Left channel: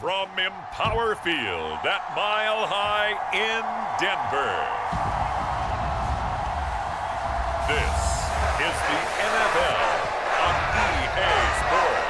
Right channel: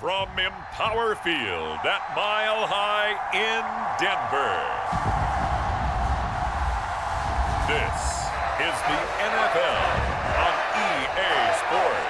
From Empower Field at Mile High in Denver, this is the NFL on EA Sports.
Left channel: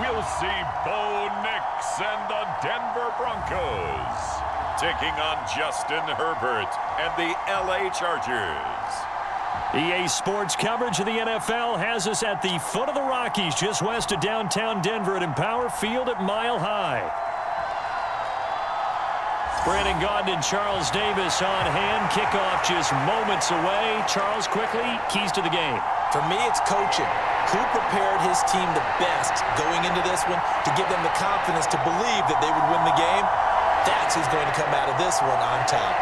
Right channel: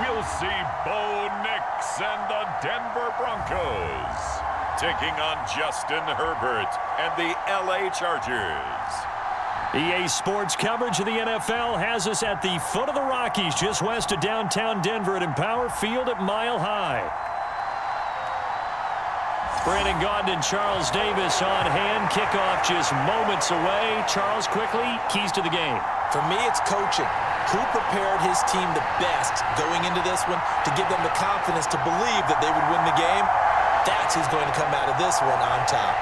We'll see Bo Nix and the Denver Broncos taking on Justin Herbert and the LA Chargers. EA Sports coverage of the NFL has us at the foot of the Rockies, just west of downtown Denver at Empower Field at Mile High. Brandon Gaudin and Charles Davis on hand. Kickoff just moments away. Charles, quickly, keys to the game. For me, it's coaching. Who prepared his team the best going into this one to give them the confidence to believe that they would win the game? That's who's going to come out of this one on top.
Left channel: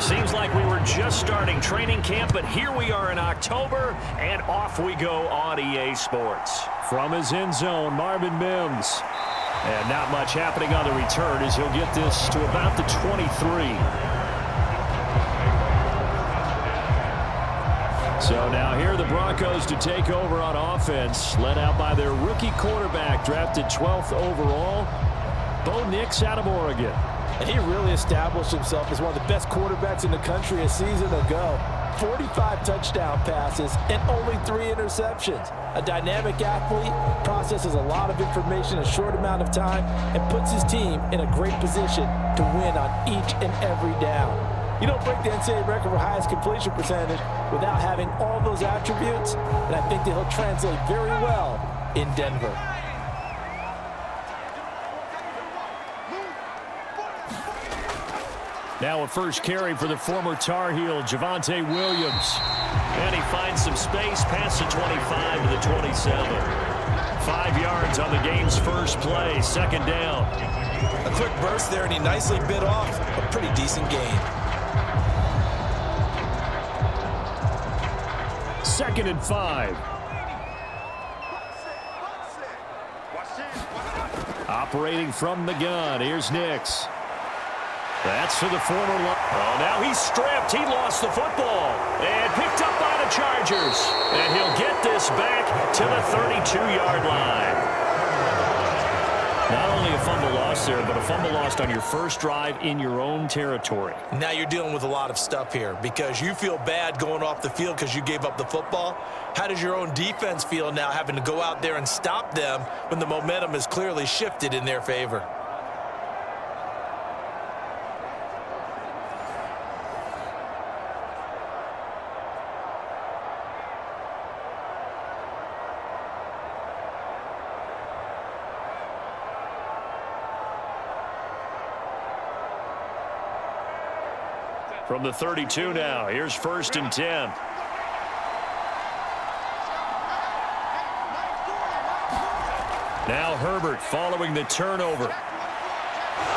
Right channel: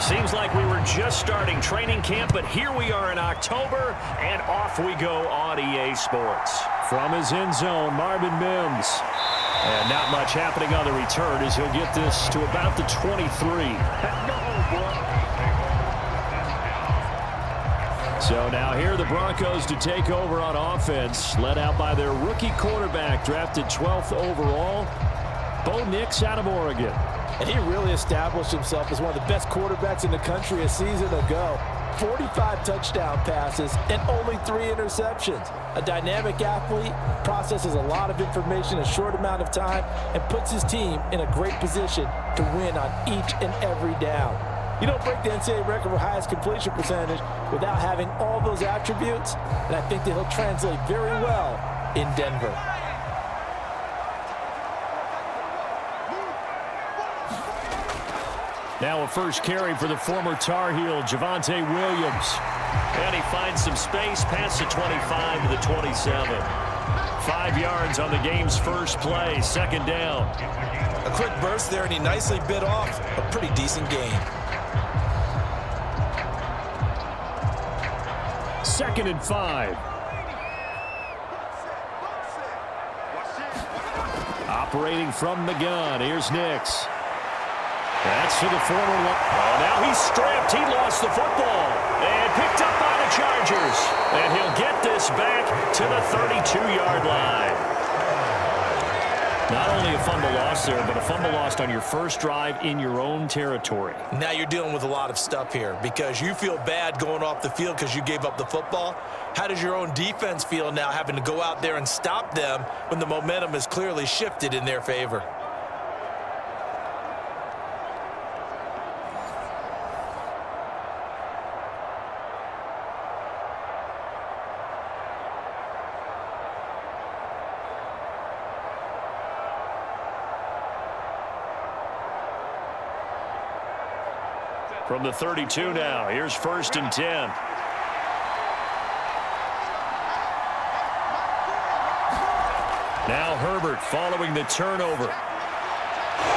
Seems like we were just starting training camp, but here we are in October, and off we go on EA Sports. From his end zone, Marvin Mims. And not much happening on the return as he'll get this to about the 23. So now here are the Broncos to take over on offense, led out by their rookie quarterback, drafted 12th overall, Bo Nix out of Oregon. And he really established himself as one of the best quarterbacks in the country a season ago. 45 touchdown passes and only 3 interceptions. A dynamic athlete, processes a lot of information in a short amount of time, and puts his team in a great position to win on each and every down. You don't break the NCAA record for highest completion percentage without having all those attributes, and I think that he'll translate very well in Denver. Now a first carry for the former Tar Heel, Javonte Williams. And he finds some space past the 25 to the 27. 5 yards on the game's first play, second down. A quick burst there, and he nicely bit off a pretty decent gain. Second and 5. Operating from the gun, here's Nix. That's to the former. Oh, now he's stripped. He lost the football and picked up by the Chargers. And he'll get this back to the 32-yard line. Not only a fumble loss there, but a fumble lost on your first drive in your own territory. Now you're dealing with a lot of stuff here because you feel bad going off the field because you gave up the football. How does your own defense feel now having to go out there and stop them when the momentum is clearly shifted in their favor? From the 32 now, here's first and 10. Now Herbert following the turnover.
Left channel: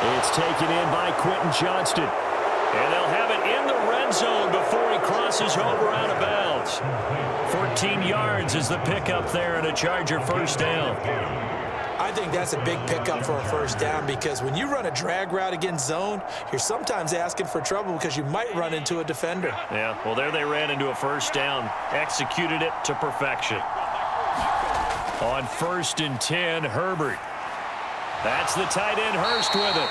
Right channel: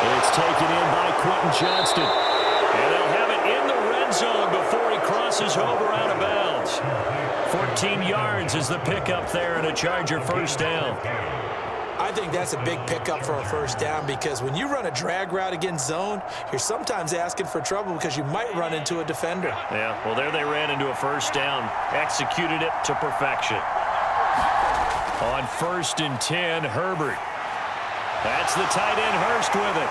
It's taken in by Quentin Johnston. And they'll have it in the red zone before he crosses over out of bounds. 14 yards is the pickup there and a Charger first down. I think that's a big pickup for a first down because when you run a drag route against zone, you're sometimes asking for trouble because you might run into a defender. Yeah, well, there they ran into a first down. Executed it to perfection. On first and 10, Herbert. That's the tight end, Hurst, with it.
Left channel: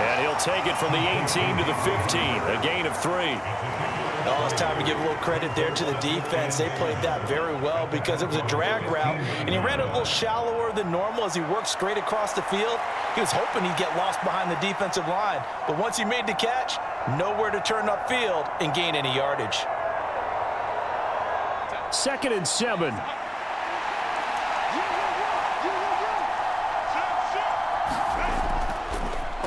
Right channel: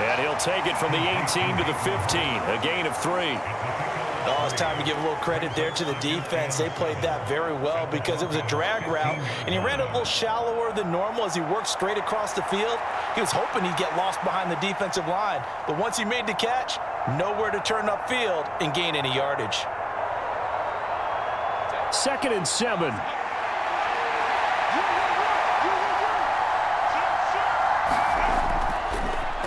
And he'll take it from the 18 to the 15, a gain of 3. Oh, it's time to give a little credit there to the defense. They played that very well because it was a drag route, and he ran it a little shallower than normal as he worked straight across the field. He was hoping he'd get lost behind the defensive line, but once he made the catch, nowhere to turn upfield and gain any yardage. Second and 7.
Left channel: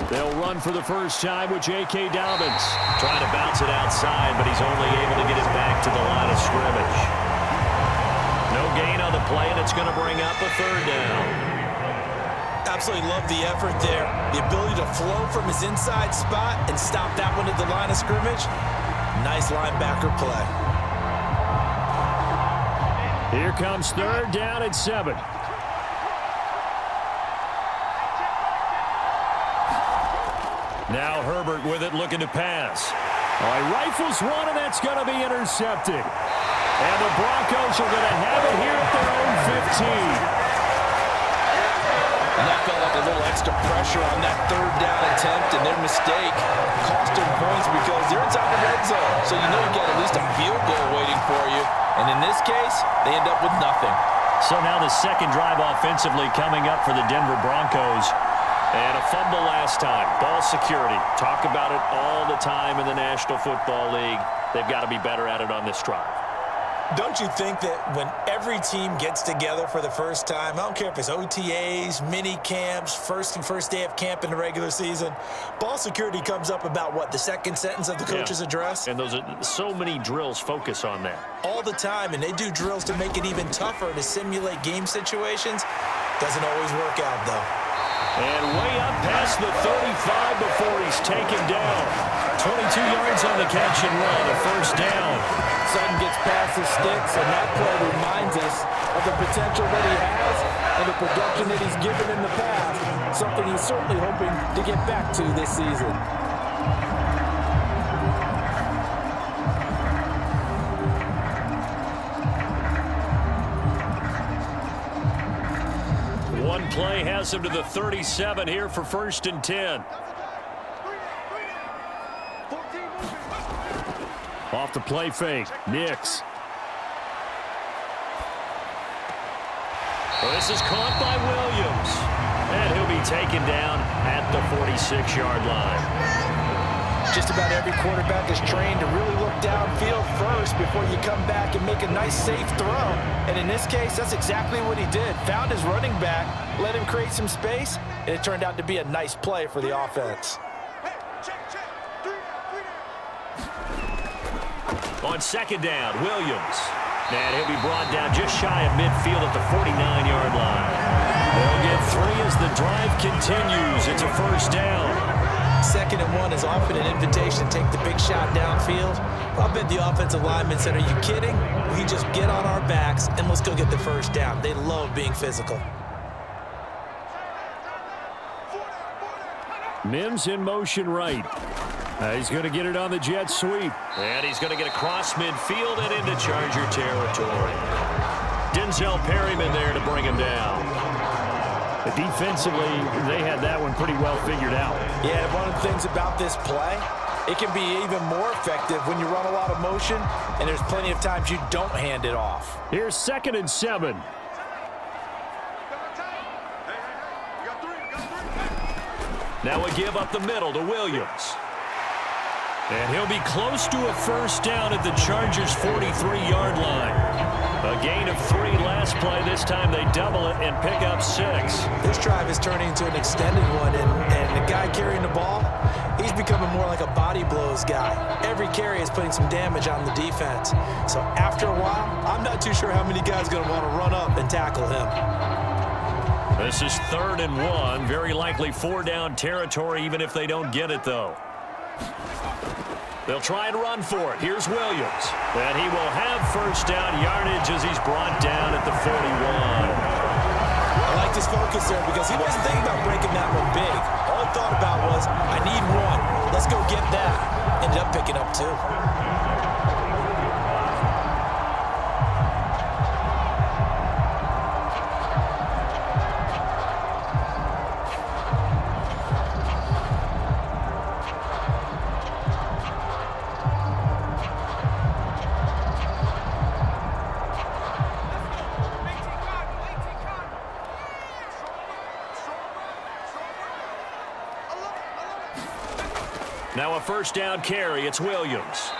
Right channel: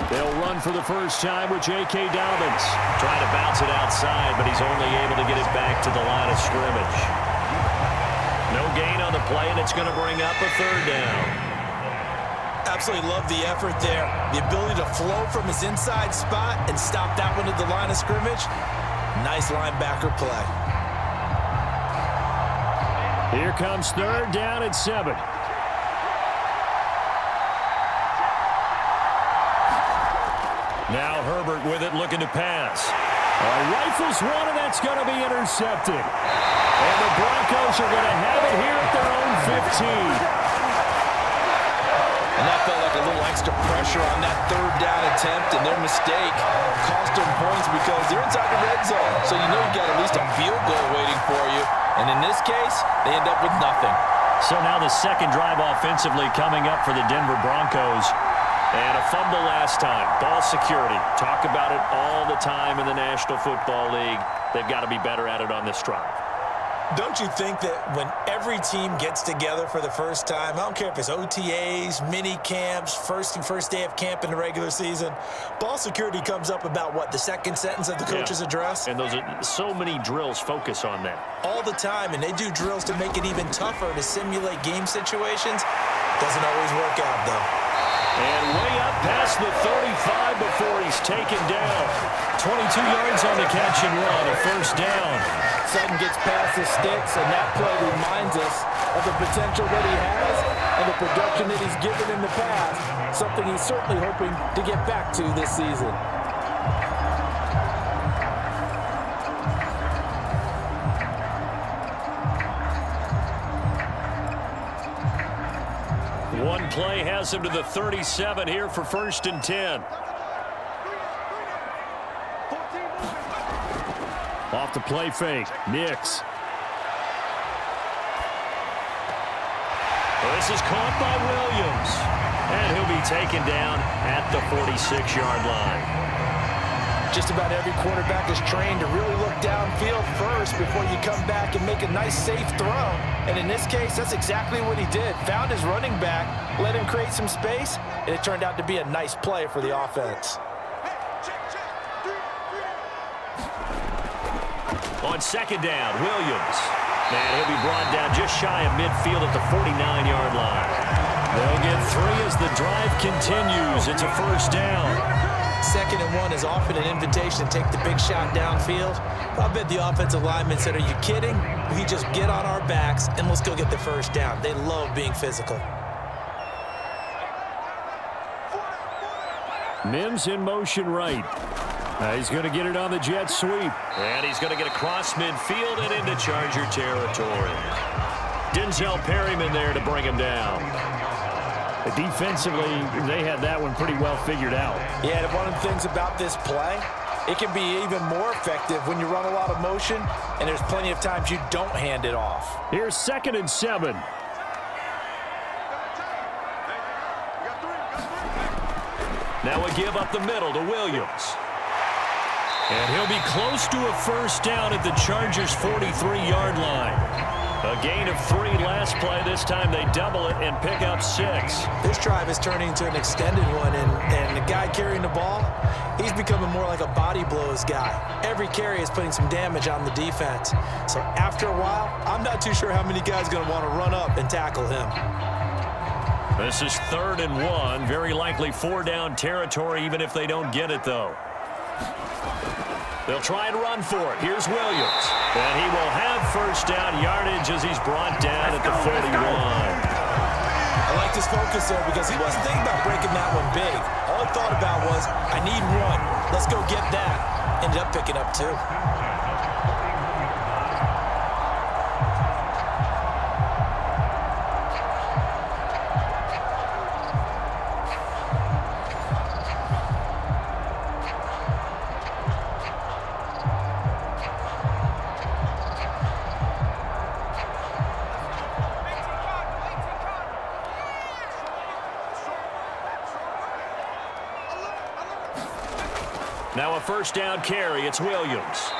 They'll run for the first time with J.K. Dobbins. Trying to bounce it outside, but he's only able to get it back to the line of scrimmage. No gain on the play, and it's going to bring up a third down. Absolutely love the effort there. The ability to flow from his inside spot and stop that one at the line of scrimmage. Nice linebacker play. Here comes third down at 7. Now Herbert with it, looking to pass. All right, rifles one, and that's going to be intercepted. And the Broncos are going to have it here at their own 15. And that felt like a little extra pressure on that third down attempt, and their mistake cost them points because they're inside the red zone. So you know you've got at least a field goal waiting for you. And in this case, they end up with nothing. So now the second drive offensively coming up for the Denver Broncos. And a fumble last time. Ball security. Talk about it all the time in the National Football League. They've got to be better at it on this drive. Don't you think that when every team gets together for the first time, I don't care if it's OTAs, mini camps, first day of camp in the regular season, ball security comes up about, what, the second sentence of the coach's address? And those are so many drills focus on that. All the time, and they do drills to make it even tougher to simulate game situations. Doesn't always work out, though. And way up past the 35 before he's taken down. 22 yards on the catch and run, a first down. Sutton gets past the sticks, and that play reminds us of the potential that he has and the production that he's given in the past, something he's certainly hoping to get back to this season. One play has him to the 37 here for 1st and 10. Off the play fake, Nix. Well, this is caught by Williams. And he'll be taken down at the 46-yard line. Just about every quarterback is trained to really look downfield first before you come back and make a nice, safe throw. And in this case, that's exactly what he did. Found his running back, let him create some space, and it turned out to be a nice play for the offense. On second down, Williams. And he'll be brought down just shy of midfield at the 49-yard line. They'll get 3 as the drive continues. It's a first down. 2nd and 1 is often an invitation to take the big shot downfield. I bet the offensive linemen said, are you kidding? We just get on our backs and let's go get the first down. They love being physical. Mims in motion right. He's going to get it on the jet sweep. And he's going to get across midfield and into Charger territory. Denzel Perryman there to bring him down. Defensively, they had that one pretty well figured out. Yeah, and one of the things about this play, it can be even more effective when you run a lot of motion, and there's plenty of times you don't hand it off. Here's 2nd and 7. Now a give up the middle to Williams. And he'll be close to a first down at the Chargers' 43-yard line. A gain of 3 last play. This time they double it and pick up 6. This drive is turning into an extended one, and the guy carrying the ball, he's becoming more like a body blows guy. Every carry is putting some damage on the defense. So after a while, I'm not too sure how many guys are going to want to run up and tackle him. This is 3rd and 1. Very likely 4-down territory, even if they don't get it, though. They'll try and run for it. Here's Williams. And he will have first down yardage as he's brought down at the 41. I like his focus there because he wasn't thinking about breaking that one big. All he thought about was, I need 1. Let's go get that. Ended up picking up 2. Now a first down carry. It's Williams.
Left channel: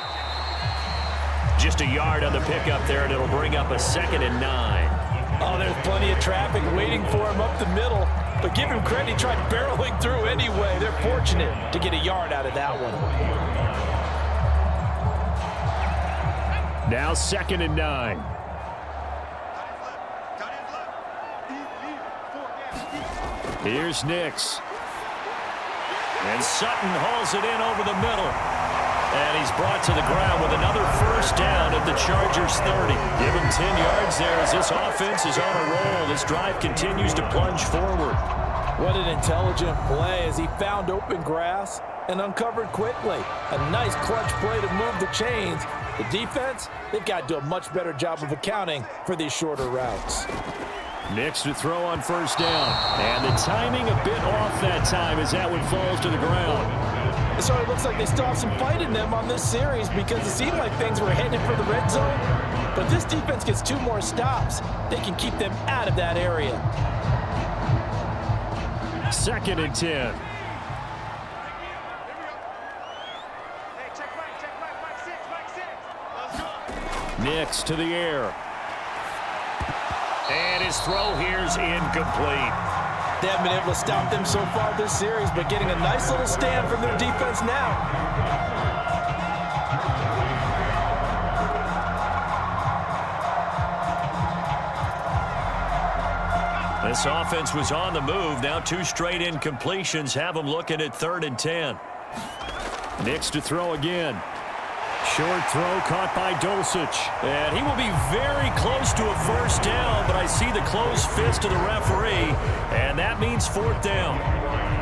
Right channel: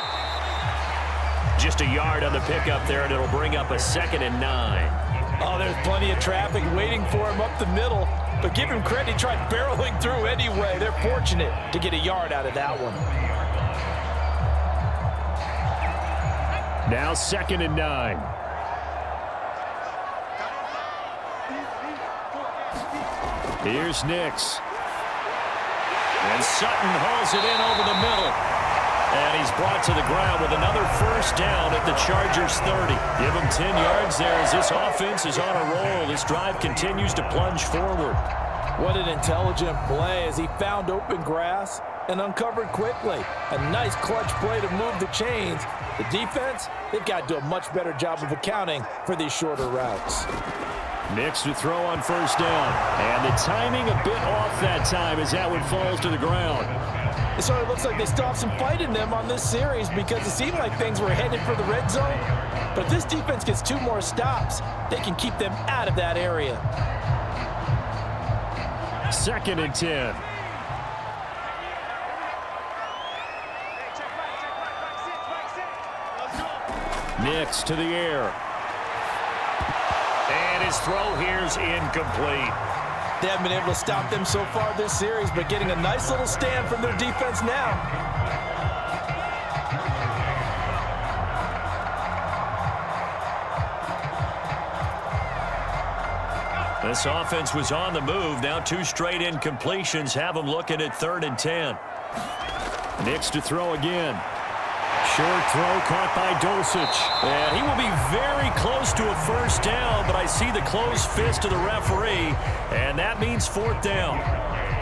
Just a yard on the pickup there, and it'll bring up a 2nd and 9. Oh, there's plenty of traffic waiting for him up the middle. But give him credit, he tried barreling through anyway. They're fortunate to get a yard out of that one. Now 2nd and 9. Here's Nix. And Sutton hauls it in over the middle. And he's brought to the ground with another first down at the Chargers' 30. Give him 10 yards there as this offense is on a roll. This drive continues to plunge forward. What an intelligent play as he found open grass and uncovered quickly. A nice clutch play to move the chains. The defense, they've got to do a much better job of accounting for these shorter routes. Nix to throw on first down. And the timing a bit off that time as that one falls to the ground. So it looks like they still have some fight in them on this series because it seemed like things were headed for the red zone. But if this defense gets 2 more stops, they can keep them out of that area. 2nd and 10. Nix to the air. And his throw here's incomplete. They haven't been able to stop them so far this series, but getting a nice little stand from their defense now. This offense was on the move. Now 2 straight incompletions have them looking at 3rd and 10. Nix to throw again. Short throw caught by Dulcich. And he will be very close to a first down, but I see the closed fist of the referee, and that means 4th down.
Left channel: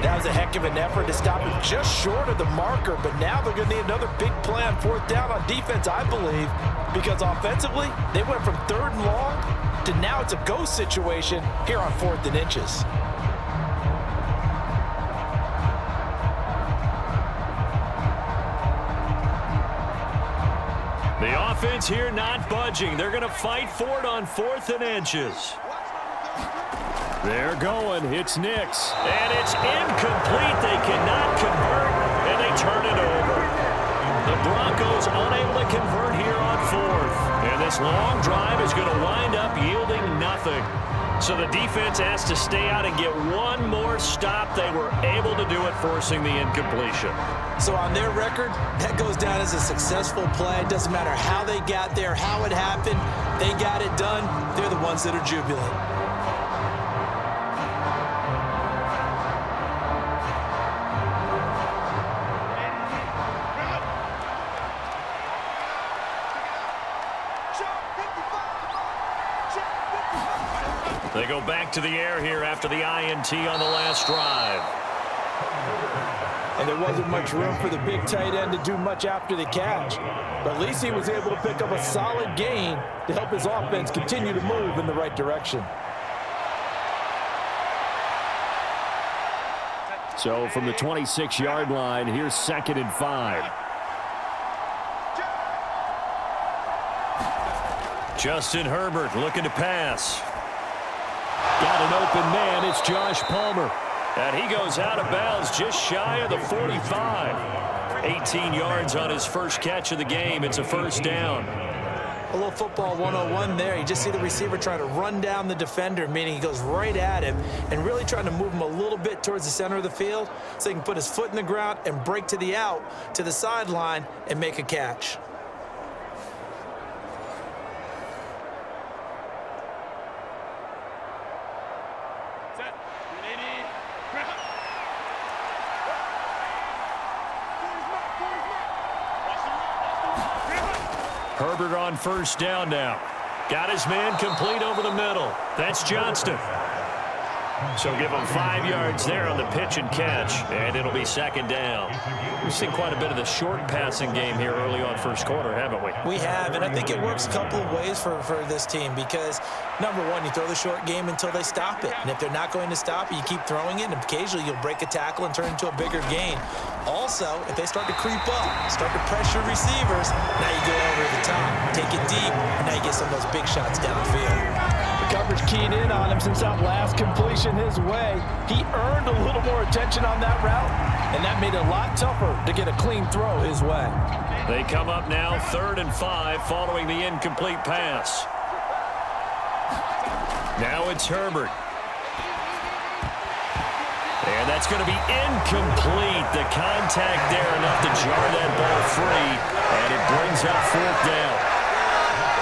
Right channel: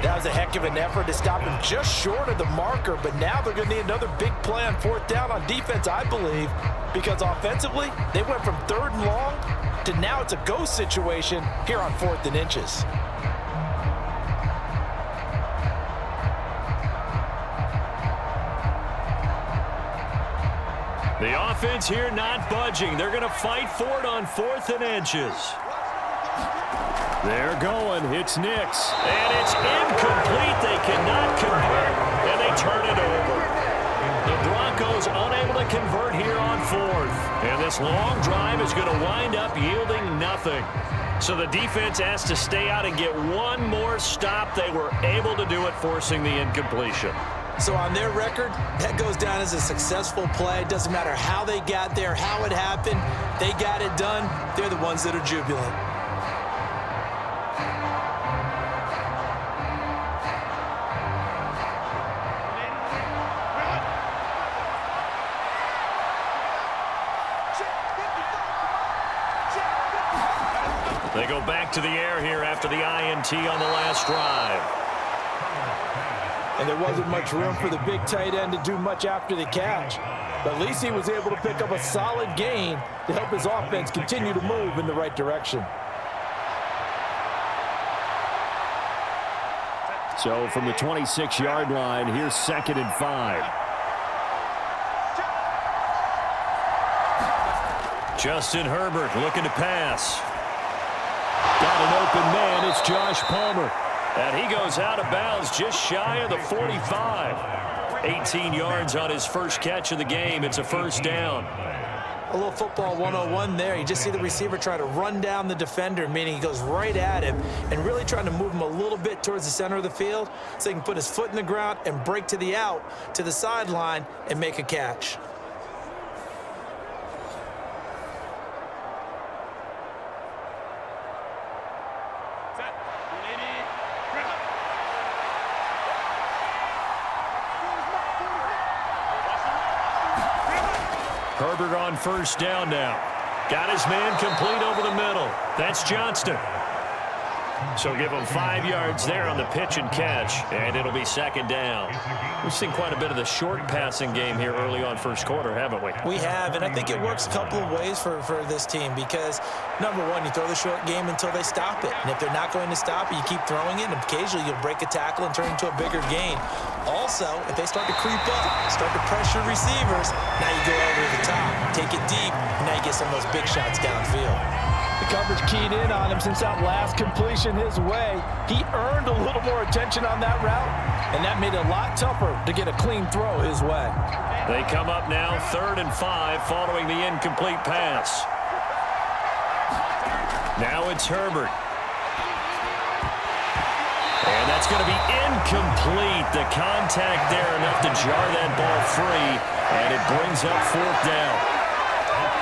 That was a heck of an effort to stop him just short of the marker, but now they're going to need another big play on 4th down on defense, I believe, because offensively, they went from 3rd and long to now it's a go situation here on 4th and inches. The offense here not budging. They're going to fight for it on 4th and inches. They're going. It's Nix. And it's incomplete. They cannot convert, and they turn it over. The Broncos unable to convert here on 4th. And this long drive is going to wind up yielding nothing. So the defense has to stay out and get 1 more stop. They were able to do it, forcing the incompletion. So on their record, that goes down as a successful play. It doesn't matter how they got there, how it happened. They got it done. They're the ones that are jubilant. They go back to the air here after the INT on the last drive. And there wasn't much room for the big tight end to do much after the catch. But at least he was able to pick up a solid gain to help his offense continue to move in the right direction. So from the 26-yard line, here's 2nd and 5. Justin Herbert looking to pass. Got an open man. It's Josh Palmer. And he goes out of bounds just shy of the 45. 18 yards on his first catch of the game. It's a first down. A little football 101 there. You just see the receiver trying to run down the defender, meaning he goes right at him and really trying to move him a little bit towards the center of the field so he can put his foot in the ground and break to the out, to the sideline, and make a catch. Herbert on first down now. Got his man complete over the middle. That's Johnston. So give him 5 yards there on the pitch and catch, and it'll be 2nd down. We've seen quite a bit of the short passing game here early on first quarter, haven't we? We have, and I think it works a couple of ways for this team because, number one, you throw the short game until they stop it. And if they're not going to stop it, you keep throwing it, and occasionally you'll break a tackle and turn into a bigger gain. Also, if they start to creep up, start to pressure receivers, now you go over the top, take it deep, and now you get some of those big shots downfield. The coverage keyed in on him since that last completion his way. He earned a little more attention on that route, and that made it a lot tougher to get a clean throw his way. They come up now 3rd and 5 following the incomplete pass. Now it's Herbert. And that's going to be incomplete. The contact there enough to jar that ball free, and it brings up 4th down.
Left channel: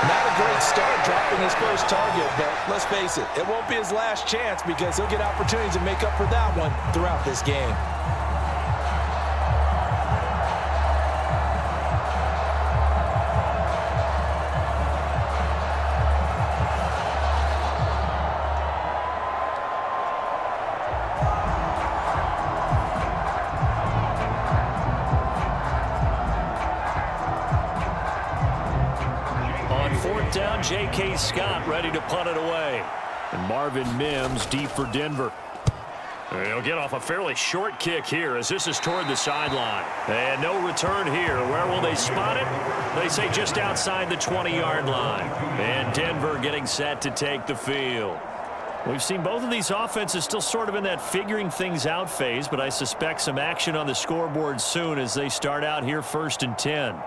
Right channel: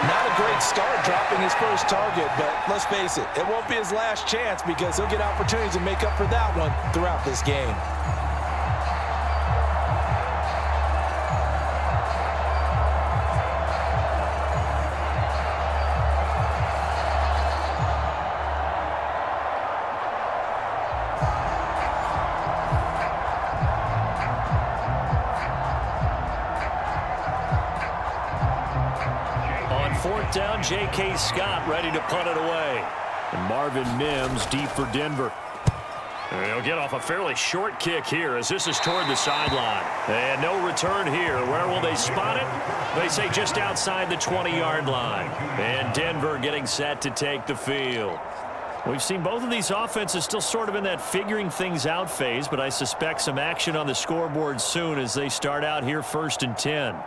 Not a great start dropping his first target, but let's face it, it won't be his last chance because he'll get opportunities to make up for that one throughout this game. On 4th down, J.K. Scott ready to punt it away. And Marvin Mims deep for Denver. He'll get off a fairly short kick here as this is toward the sideline. And no return here. Where will they spot it? They say just outside the 20-yard line. And Denver getting set to take the field. We've seen both of these offenses still sort of in that figuring things out phase, but I suspect some action on the scoreboard soon as they start out here 1st and 10.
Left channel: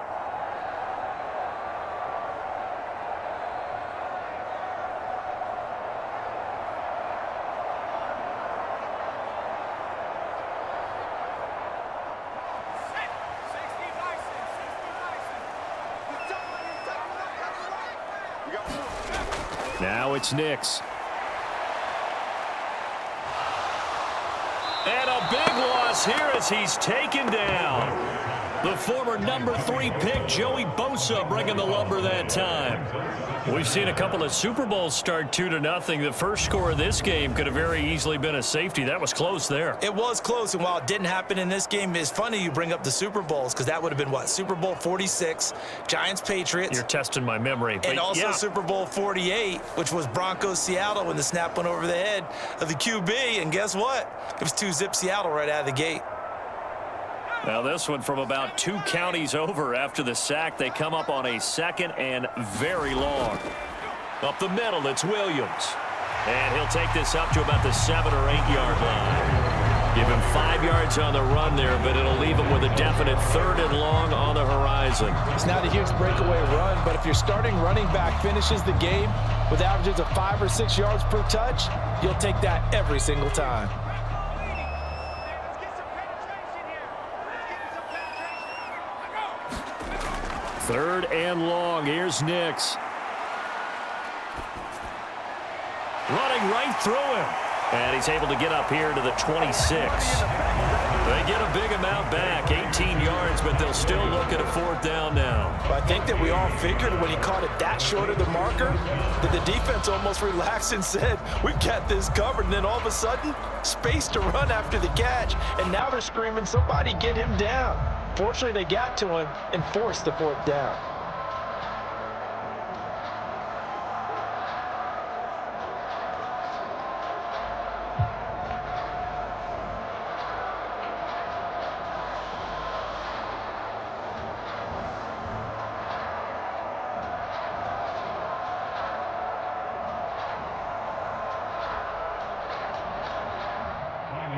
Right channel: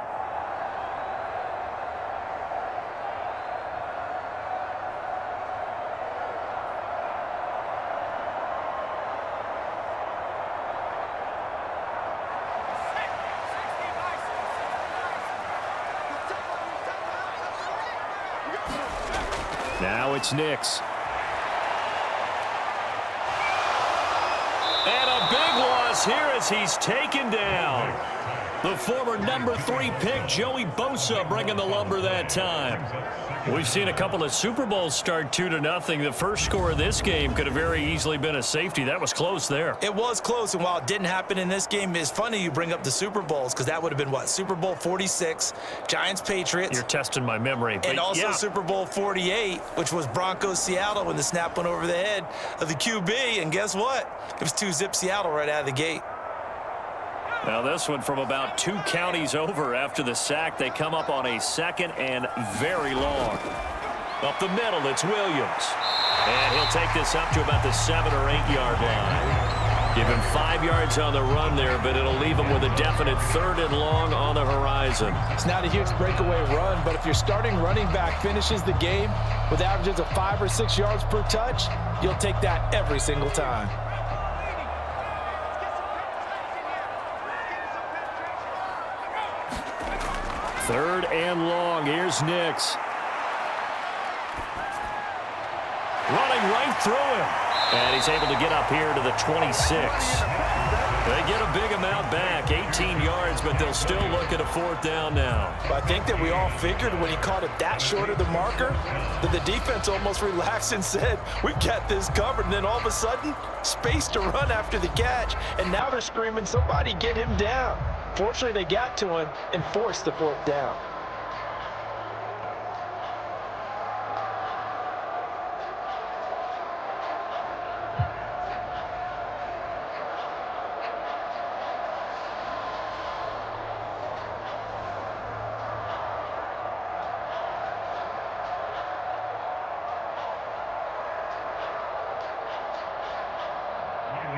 Now it's Nix. And a big loss here as he's taken down. The former number 3 pick, Joey Bosa, bringing the lumber that time. We've seen a couple of Super Bowls start 2-0. The first score of this game could have very easily been a safety. That was close there. It was close, and while it didn't happen in this game, it's funny you bring up the Super Bowls because that would have been, what, Super Bowl 46, Giants-Patriots. You're testing my memory. And also yeah. Super Bowl 48, which was Broncos-Seattle when the snap went over the head of the QB. And guess what? It was 2-zip Seattle right out of the gate. Now this one from about 2 counties over after the sack. They come up on a 2nd and very long. Up the middle, it's Williams. And he'll take this up to about the 7 or 8 yard line. Give him 5 yards on the run there, but it'll leave him with a definite 3rd and long on the horizon. It's not a huge breakaway run, but if your starting running back finishes the game with averages of 5 or 6 yards per touch, you'll take that every single time. 3rd and long. Here's Nix. Running right through him. And he's able to get up here to the 26. They get a big amount back, 18 yards, but they'll still look at a 4th down now. I think that we all figured when he caught it that short of the marker that the defense almost relaxed and said, we've got this covered. And then all of a sudden, space to run after the catch. And now they're screaming, somebody get him down. Fortunately, they got to him and forced the 4th down.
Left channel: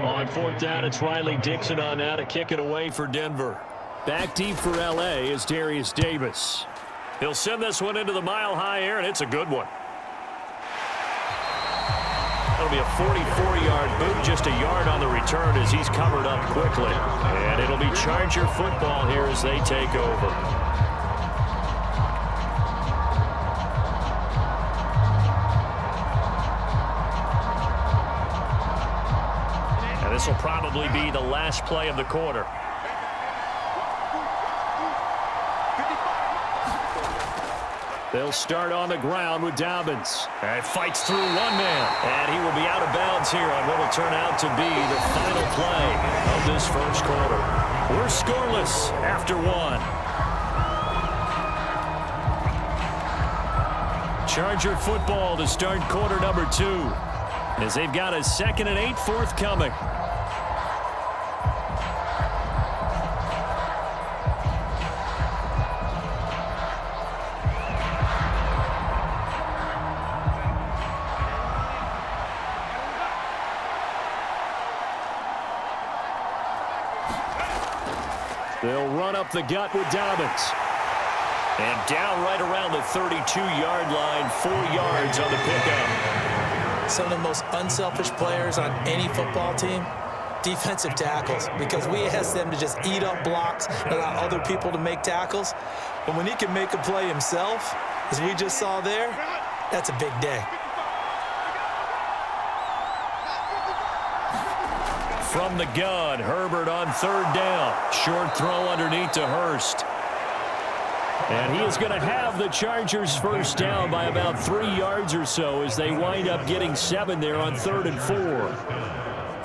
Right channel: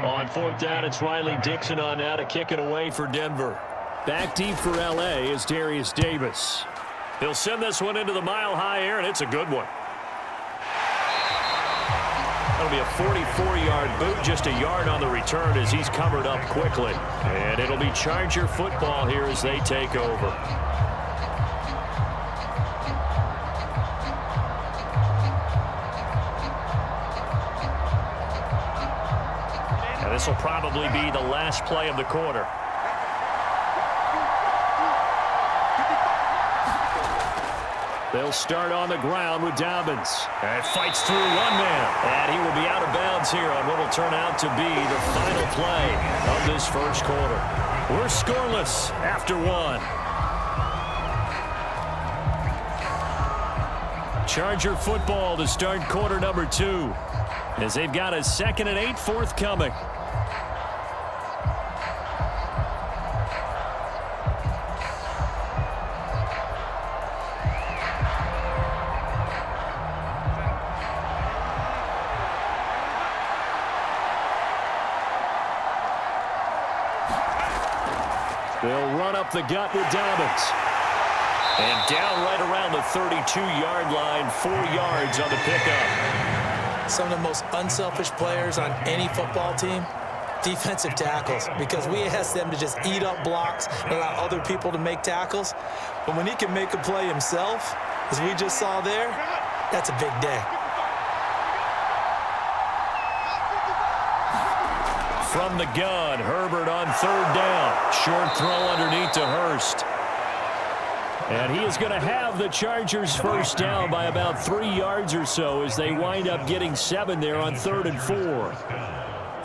On 4th down, it's Riley Dixon on now to kick it away for Denver. Back deep for L.A. is Darius Davis. He'll send this one into the mile-high air, and it's a good one. That'll be a 44-yard boot, just a yard on the return as he's covered up quickly. And it'll be Charger football here as they take over. And this will probably be the last play of the quarter. They'll start on the ground with Dobbins. And fights through one man. And he will be out of bounds here on what will turn out to be the final play of this first quarter. We're scoreless after 1. Charger football to start quarter number 2. As they've got a 2nd and 8 forthcoming. They'll run up the gut with Dobbins. And down right around the 32-yard line, 4 yards on the pickup. some of the most unselfish players on any football team? Defensive tackles, because we ask them to just eat up blocks and allow other people to make tackles. But when he can make a play himself, as we just saw there, that's a big day. From the gun, Herbert on 3rd down. Short throw underneath to Hurst. And he is going to have the Chargers first down by about 3 yards or so as they wind up getting 7 there on 3rd and 4.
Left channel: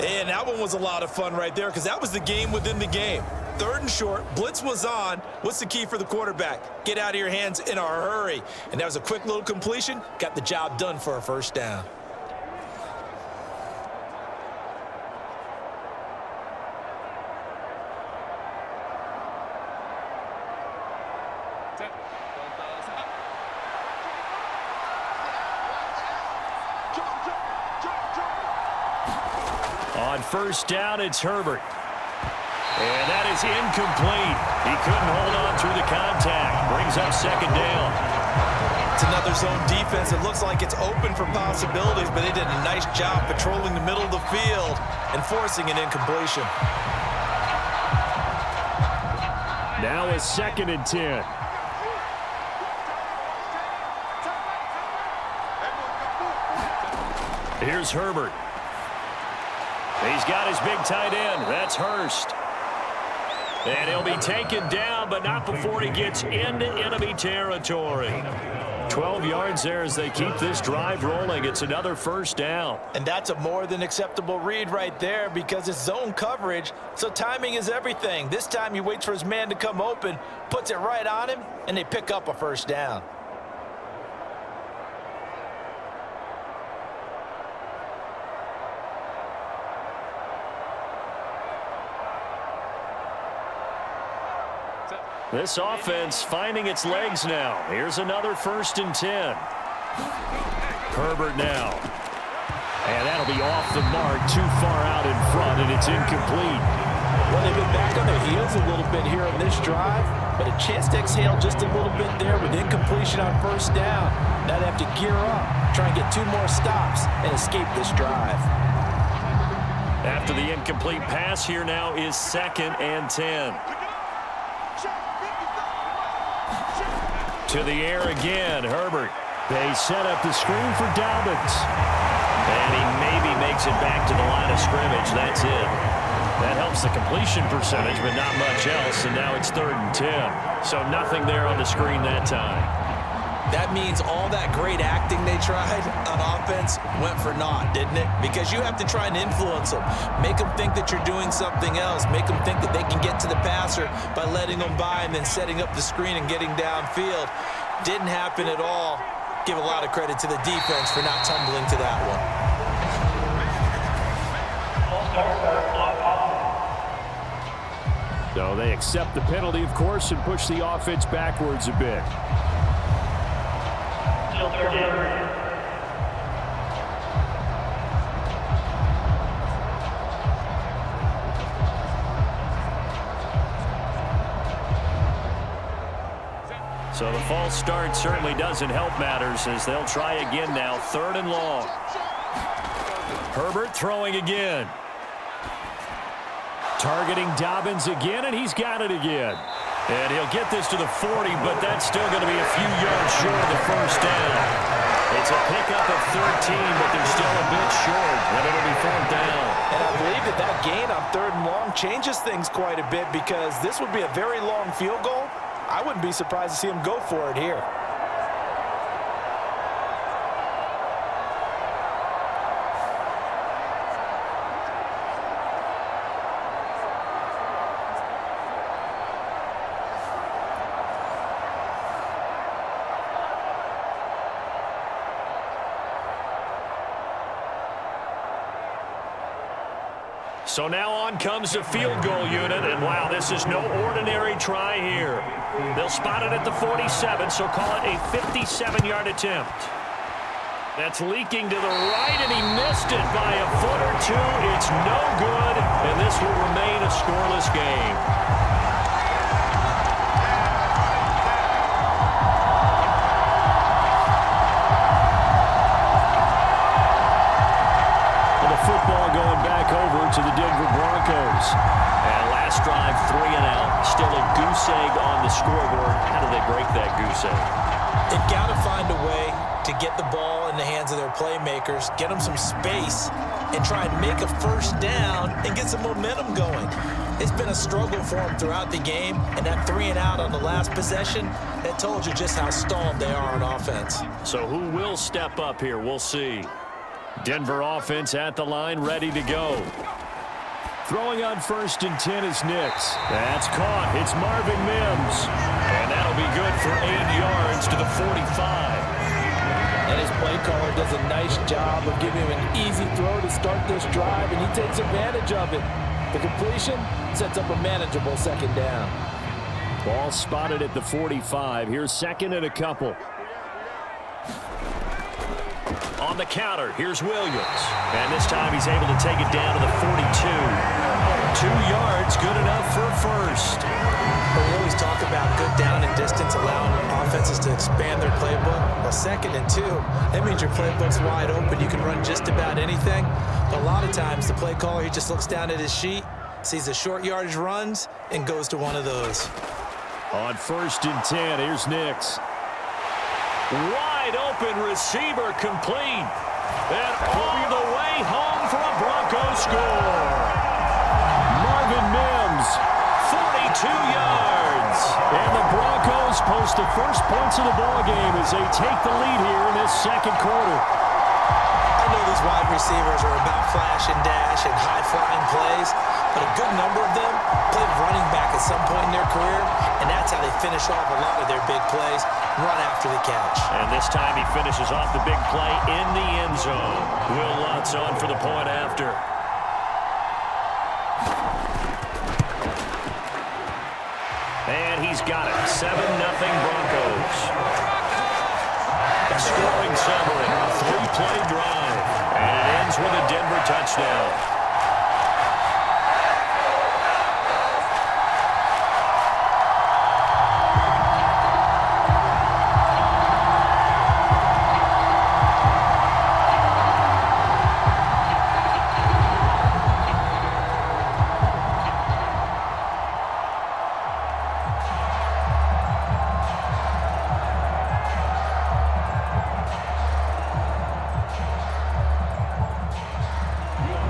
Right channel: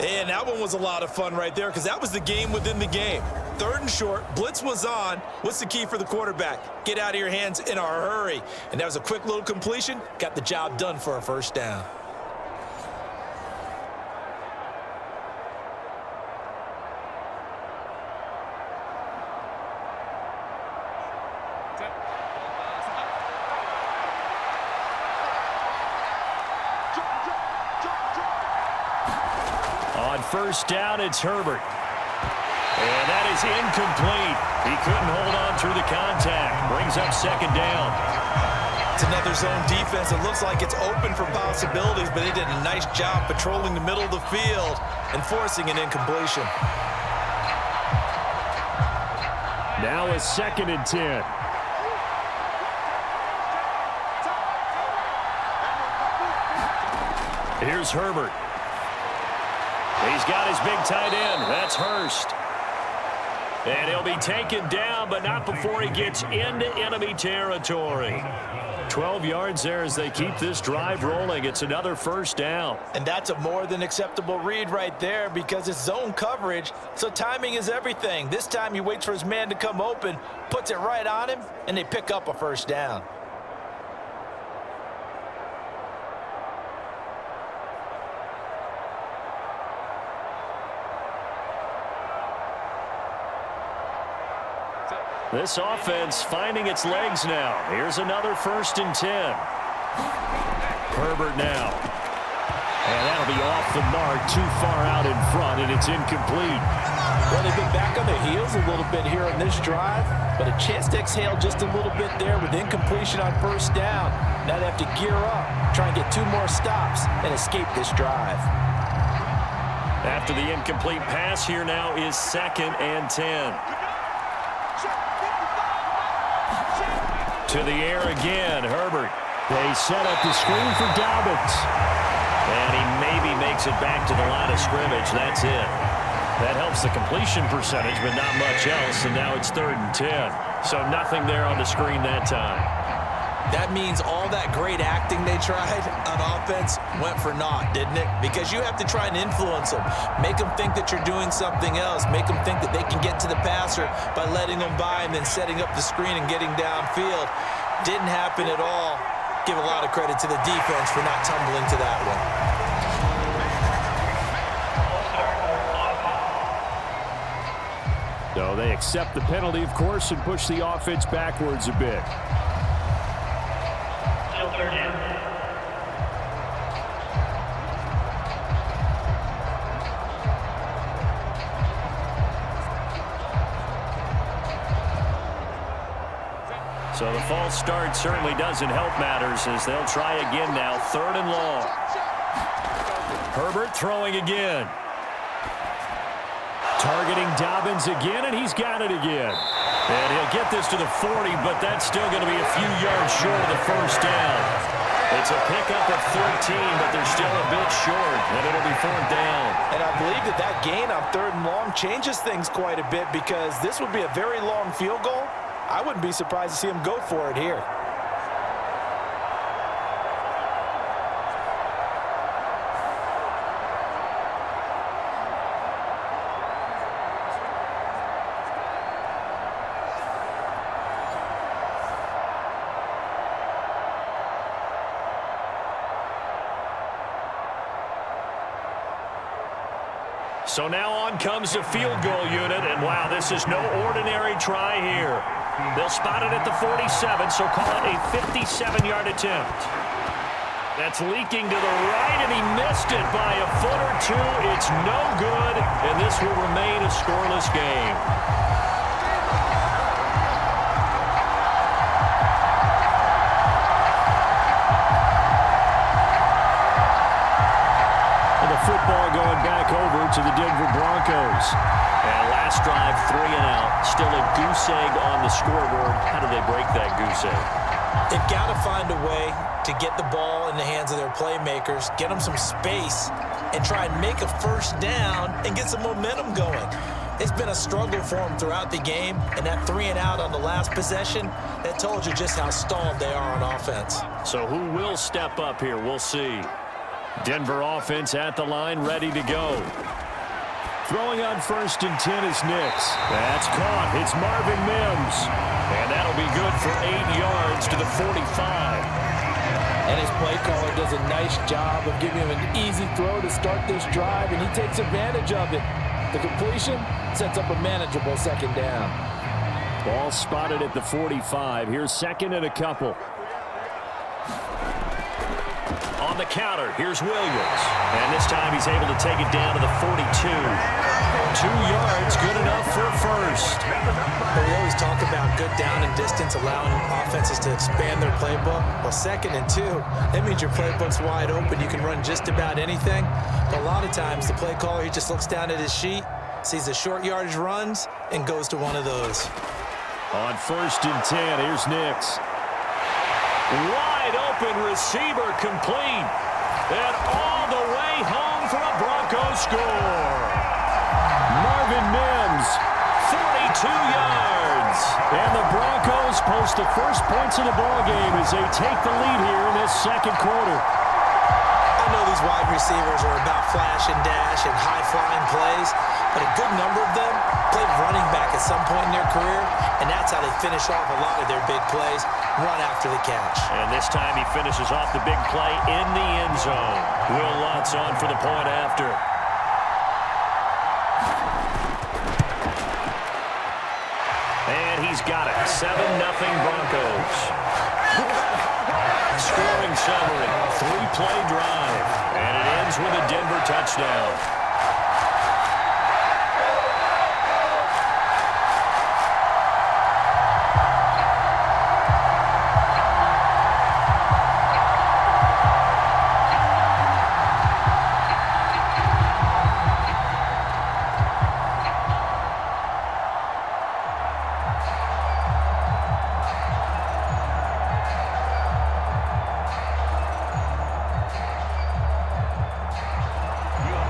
And that one was a lot of fun right there because that was the game within the game. 3rd and short, blitz was on. What's the key for the quarterback? Get out of your hands in a hurry. And that was a quick little completion. Got the job done for a first down. On first down, it's Herbert. And that is incomplete. He couldn't hold on through the contact. Brings up 2nd down. It's another zone defense. It looks like it's open for possibilities, but they did a nice job patrolling the middle of the field and forcing an incompletion. Now a 2nd and 10. Here's Herbert. He's got his big tight end. That's Hurst. And he'll be taken down, but not before he gets into enemy territory. 12 yards there as they keep this drive rolling. It's another first down. And that's a more than acceptable read right there because it's zone coverage, so timing is everything. This time he waits for his man to come open, puts it right on him, and they pick up a first down. This offense finding its legs now. Here's another 1st and 10. Herbert now. And that'll be off the mark, too far out in front, and it's incomplete. Well, they've been back on their heels a little bit here on this drive, but a chance to exhale just a little bit there with incompletion on first down. Now they have to gear up, try and get 2 more stops, and escape this drive. After the incomplete pass, here now is 2nd and 10. To the air again, Herbert. They set up the screen for Dobbins. And he maybe makes it back to the line of scrimmage. That's it. That helps the completion percentage, but not much else. And now it's 3rd and 10. So nothing there on the screen that time. That means all that great acting they tried on offense went for naught, didn't it? Because you have to try and influence them. Make them think that you're doing something else. Make them think that they can get to the passer by letting them by and then setting up the screen and getting downfield. Didn't happen at all. Give a lot of credit to the defense for not tumbling to that one. So they accept the penalty, of course, and push the offense backwards a bit. Still 3rd down. So the false start certainly doesn't help matters as they'll try again now. 3rd and long. Herbert throwing again. Targeting Dobbins again, and he's got it again. And he'll get this to the 40, but that's still going to be a few yards short of the first down. It's a pickup of 13, but they're still a bit short, and it'll be 4th down. And I believe that that gain on 3rd and long changes things quite a bit because this would be a very long field goal. I wouldn't be surprised to see him go for it here. So now on comes the field goal unit, and wow, this is no ordinary try here. They'll spot it at the 47, so call it a 57-yard attempt. That's leaking to the right, and he missed it by a foot or two. It's no good, and this will remain a scoreless game. the football going back over to the Denver Broncos. And last drive, 3 and out. Still a goose egg on the scoreboard. How do they break that goose egg? They've got to find a way to get the ball in the hands of their playmakers, get them some space, and try and make a first down and get some momentum going. It's been a struggle for them throughout the game, and that 3 and out on the last possession, that told you just how stalled they are on offense. So who will step up here? We'll see. Denver offense at the line, ready to go. Throwing on 1st and 10 is Nix. That's caught. It's Marvin Mims. And that'll be good for 8 yards to the 45. And his play caller does a nice job of giving him an easy throw to start this drive, and he takes advantage of it. The completion sets up a manageable 2nd down. Ball spotted at the 45. Here's 2nd and a couple. On the counter, here's Williams. And this time he's able to take it down to the 42. 2 yards, good enough for a first. But we always talk about good down and distance, allowing offenses to expand their playbook. Well, 2nd and 2, that means your playbook's wide open. You can run just about anything. But a lot of times, the play caller, he just looks down at his sheet, sees the short yardage runs, and goes to one of those. On 1st and 10, here's Nix. Wide open receiver complete. And all the way home for a Broncos score. Marvin Mims. 42 yards. And the Broncos post the first points of the ballgame as they take the lead here in this 2nd quarter. I know these wide receivers are about flash and dash and high-flying plays, but a good number of them played running back at some point in their career, and that's how they finish off a lot of their big plays, run after the catch. And this time he finishes off the big play in the end zone. Will Lutz on for the point after. And he's got it. 7-0 Broncos. Scoring summary. 3-play drive. And it ends with a Denver touchdown.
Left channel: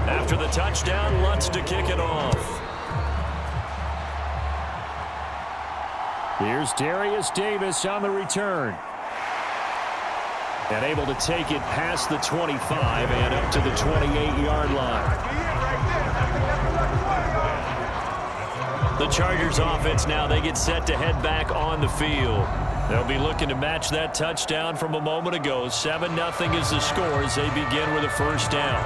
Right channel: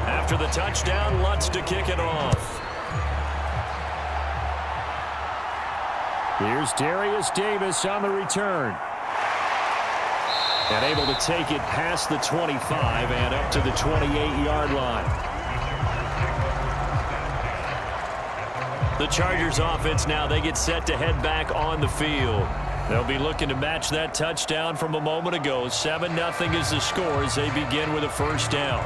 After the touchdown, Lutz to kick it off. Here's Darius Davis on the return. And able to take it past the 25 and up to the 28-yard line. The Chargers offense now, they get set to head back on the field. They'll be looking to match that touchdown from a moment ago. 7-0 is the score as they begin with a first down.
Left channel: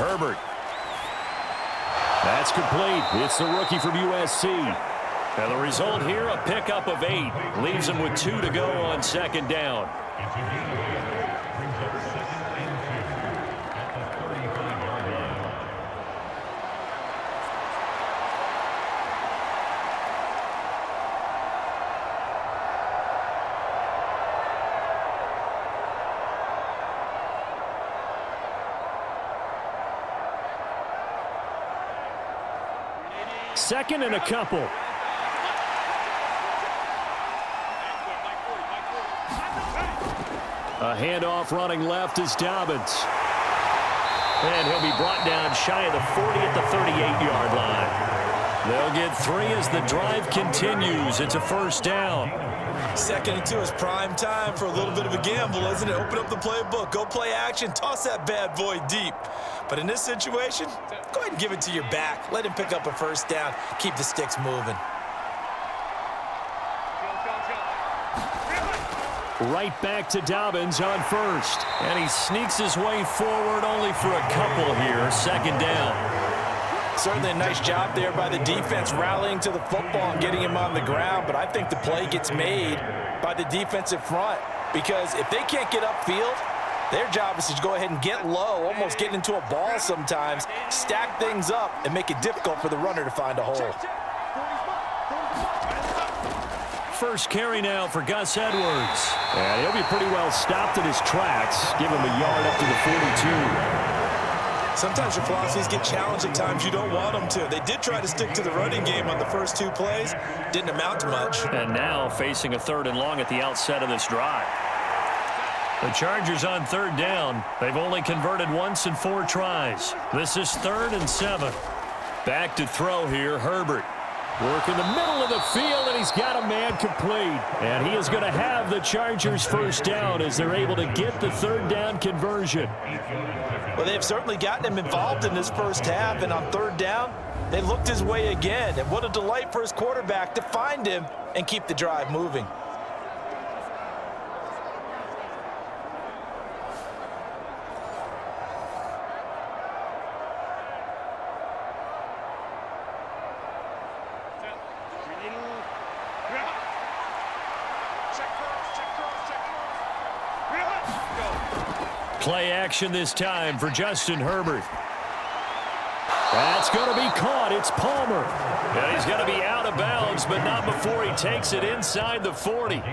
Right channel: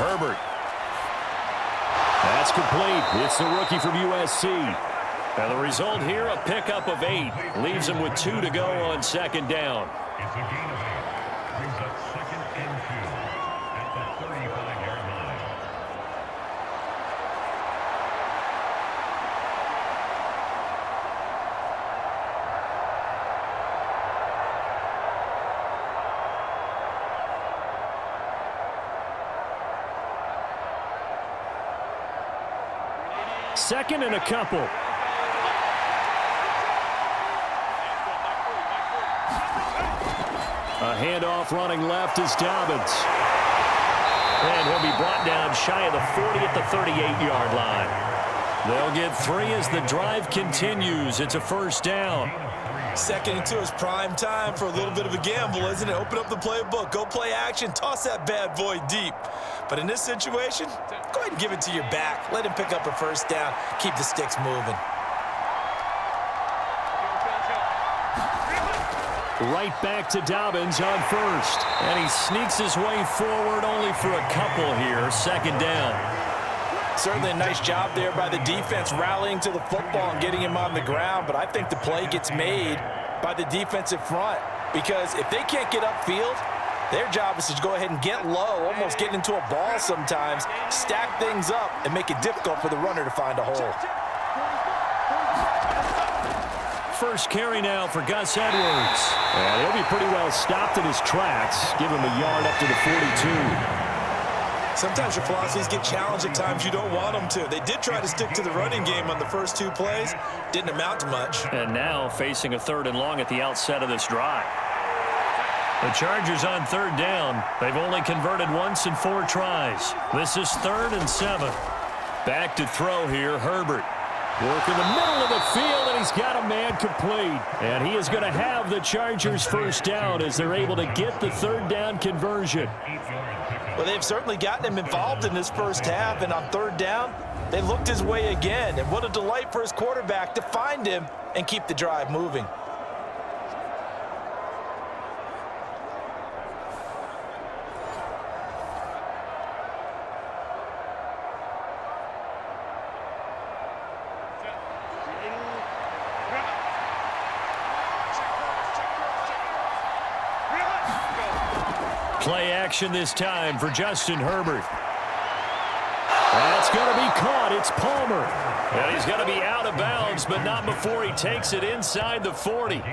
Herbert. That's complete. It's the rookie from USC. And the result here, a pickup of 8. Leaves him with 2 to go on 2nd down. It's a gain of 8. Brings up 2nd and 2 at the 35-yard line. Second and a couple. A handoff running left is Dobbins. And he'll be brought down shy of the 40 at the 38-yard line. They'll get 3 as the drive continues. It's a first down. 2nd and 2 is prime time for a little bit of a gamble, isn't it? Open up the playbook, go play action, toss that bad boy deep. But in this situation, go ahead and give it to your back. Let him pick up a first down. Keep the sticks moving. Right back to Dobbins on first. And he sneaks his way forward only for a couple here. 2nd down. Certainly a nice job there by the defense rallying to the football and getting him on the ground, but I think the play gets made by the defensive front because if they can't get upfield, their job is to go ahead and get low, almost get into a ball sometimes, stack things up, and make it difficult for the runner to find a hole. First carry now for Gus Edwards. And he'll be pretty well stopped in his tracks. Give him a yard up to the 42. Sometimes your philosophies get challenged at times you don't want them to. They did try to stick to the running game on the first 2 plays. Didn't amount to much. And now facing a 3rd and long at the outset of this drive. The Chargers on 3rd down. They've only converted once in 4 tries. This is 3rd and 7. Back to throw here, Herbert. Work in the middle of the field, and he's got a man complete. And he is going to have the Chargers first down as they're able to get the 3rd down conversion. Well, they've certainly gotten him involved in this first half, and on 3rd down, they looked his way again. And what a delight for his quarterback to find him and keep the drive moving. Play action this time for Justin Herbert. That's going to be caught. It's Palmer. And he's going to be out of bounds, but not before he takes it inside the 40.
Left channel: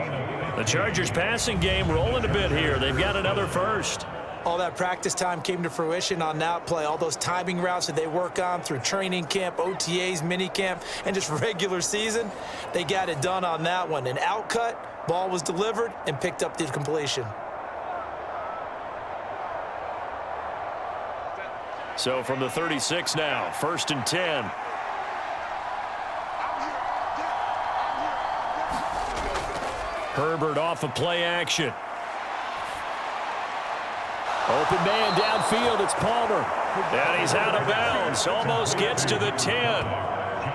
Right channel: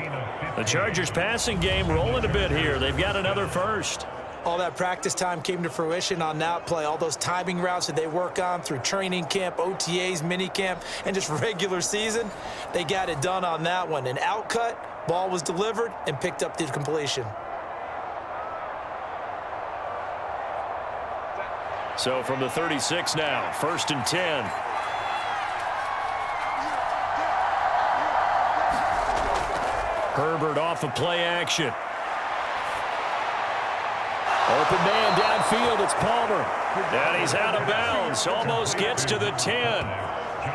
The Chargers passing game rolling a bit here. They've got another first. All that practice time came to fruition on that play. All those timing routes that they work on through training camp, OTAs, minicamp, and just regular season, they got it done on that one. An outcut, ball was delivered, and picked up the completion. So from the 36 now, 1st and 10. Herbert off of play action. Open man downfield, it's Palmer. And he's out of bounds, almost gets to the 10.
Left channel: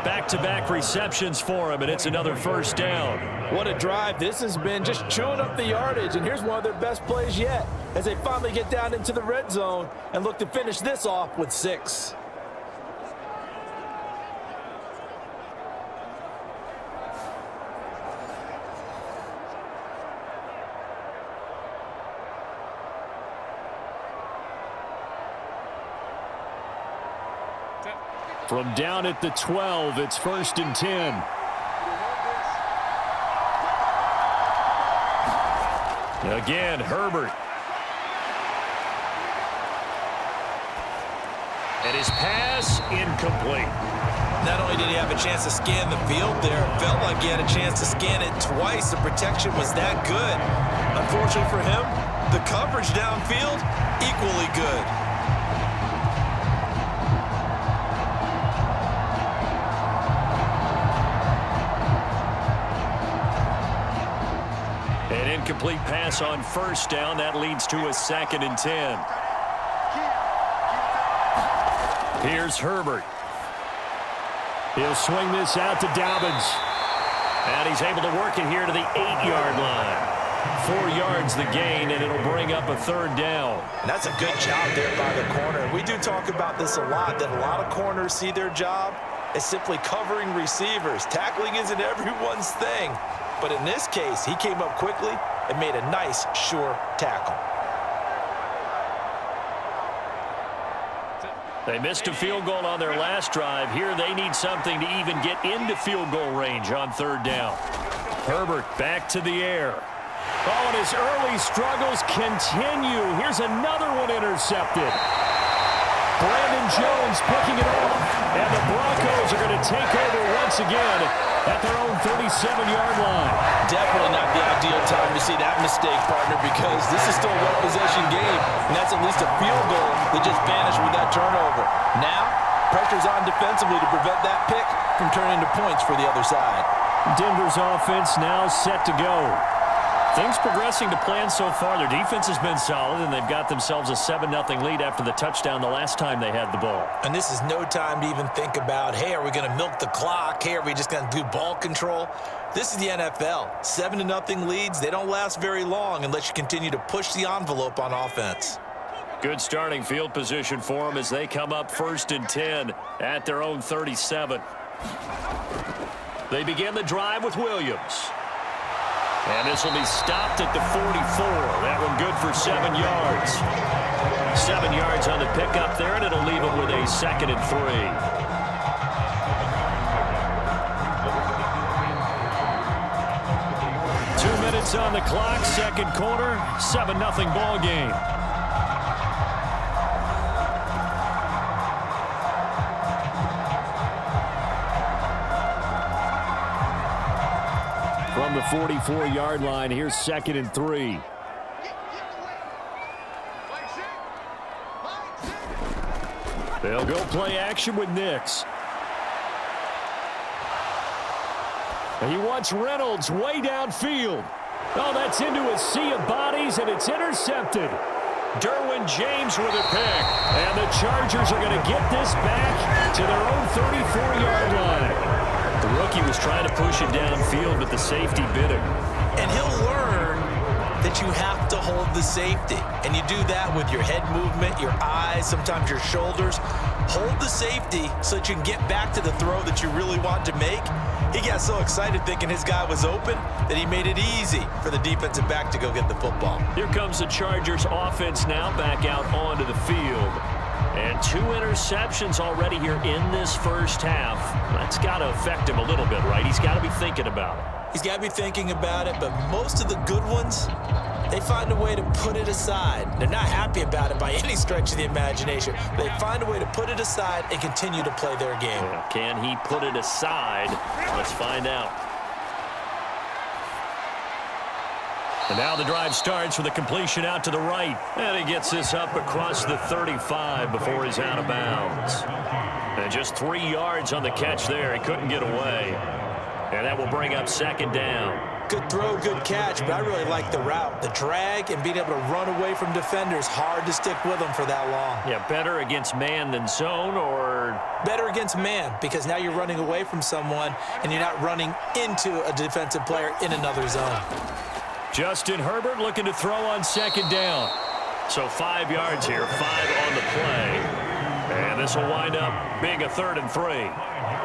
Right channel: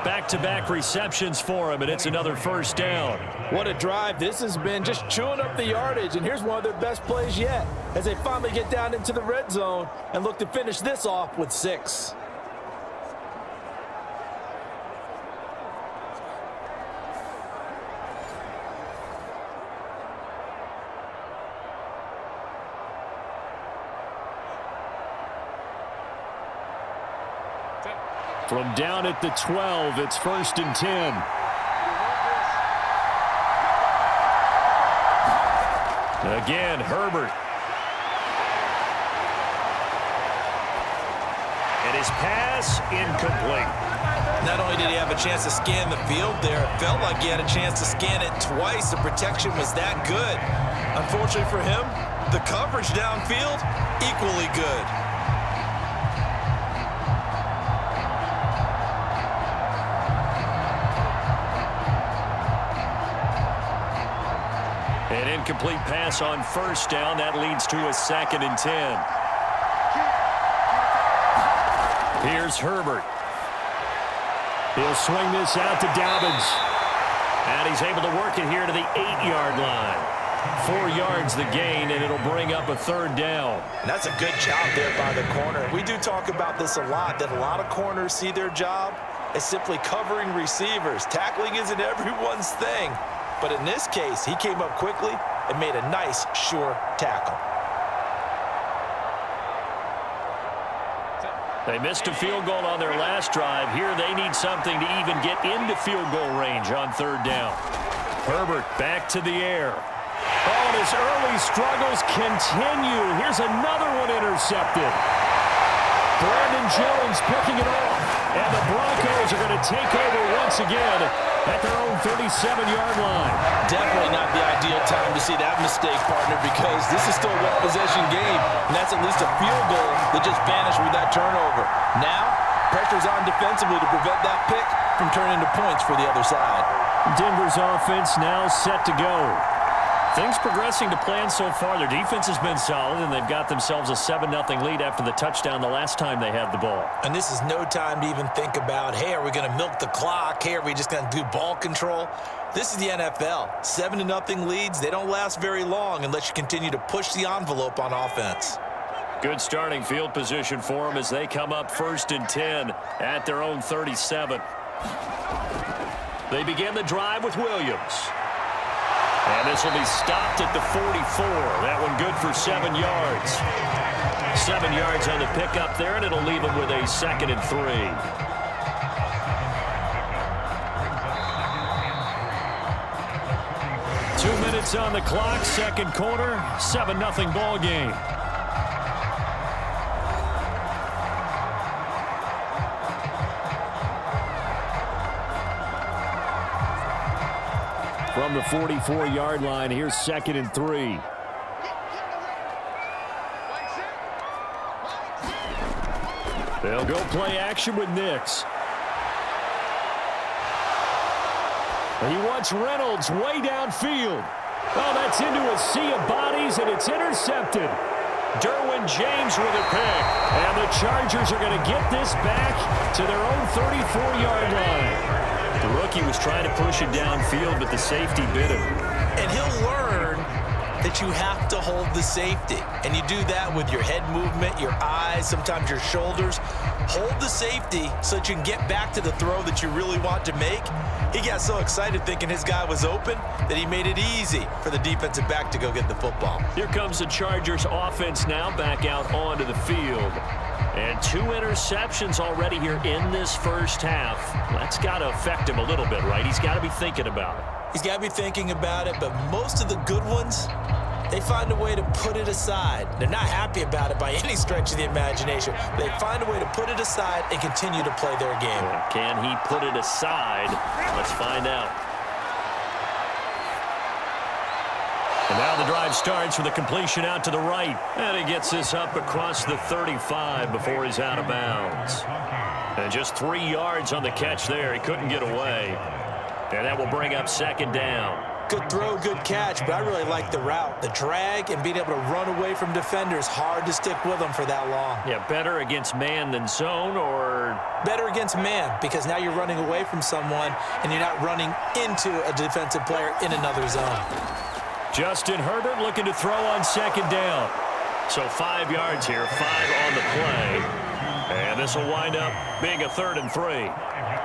Back-to-back receptions for him, and it's another first down. What a drive this has been, just chewing up the yardage, and here's one of their best plays yet as they finally get down into the red zone and look to finish this off with 6. From down at the 12, it's 1st and 10. Again, Herbert. And his pass incomplete. Not only did he have a chance to scan the field there, it felt like he had a chance to scan it twice. The protection was that good. Unfortunately for him, the coverage downfield, equally good. An incomplete pass on 1st down. That leads to a 2nd and 10. Here's Herbert. He'll swing this out to Dobbins. And he's able to work it here to the 8-yard line. 4 yards the gain, and it'll bring up a 3rd down. And that's a good job there by the corner. We do talk about this a lot, that a lot of corners see their job as simply covering receivers. Tackling isn't everyone's thing. But in this case, he came up quickly and made a nice, sure tackle. They missed a field goal on their last drive. Here they need something to even get into field goal range on 3rd down. Herbert back to the air. Oh, and his early struggles continue. Here's another one intercepted. Brandon Jones picking it off. And the Broncos are going to take over once again at their own 37-yard line. Definitely not the ideal time to see that mistake, partner, because this is still a one-possession game, and that's at least a field goal that just vanished with that turnover. Now, pressure's on defensively to prevent that pick from turning into points for the other side. Denver's offense now set to go. Things progressing to plan so far. Their defense has been solid, and they've got themselves a 7-0 lead after the touchdown the last time they had the ball. And this is no time to even think about, hey, are we going to milk the clock? Hey, are we just going to do ball control? This is the NFL. 7-0 leads, they don't last very long unless you continue to push the envelope on offense. Good starting field position for them as they come up 1st and 10 at their own 37. They begin the drive with Williams. And this will be stopped at the 44. That one good for 7 yards. 7 yards on the pickup there, and it'll leave them with a 2nd and 3. Two minutes on the clock, second quarter, 7-0 ball game. From the 44-yard line, here's 2nd and 3. They'll go play action with Nix. He wants Reynolds way downfield. Oh, that's into a sea of bodies, and it's intercepted. Derwin James with a pick. And the Chargers are going to get this back to their own 34-yard line. The rookie was trying to push it downfield, but the safety bit him. And he'll learn that you have to hold the safety. And you do that with your head movement, your eyes, sometimes your shoulders. Hold the safety so that you can get back to the throw that you really want to make. He got so excited thinking his guy was open that he made it easy for the defensive back to go get the football. Here comes the Chargers offense now back out onto the field. And 2 interceptions already here in this first half. That's got to affect him a little bit, right? He's got to be thinking about it. He's got to be thinking about it, but most of the good ones, they find a way to put it aside. They're not happy about it by any stretch of the imagination. They find a way to put it aside and continue to play their game. Yeah, can he put it aside? Let's find out. And now the drive starts with a completion out to the right. And he gets this up across the 35 before he's out of bounds. And just 3 yards on the catch there. He couldn't get away. And that will bring up 2nd down. Good throw, good catch, but I really like the route. The drag and being able to run away from defenders, hard to stick with them for that long. Yeah, better against man than zone, or? Better against man, because now you're running away from someone and you're not running into a defensive player in another zone. Justin Herbert looking to throw on 2nd down. So 5 yards here, 5 on the play. And this will wind up being a 3rd and 3.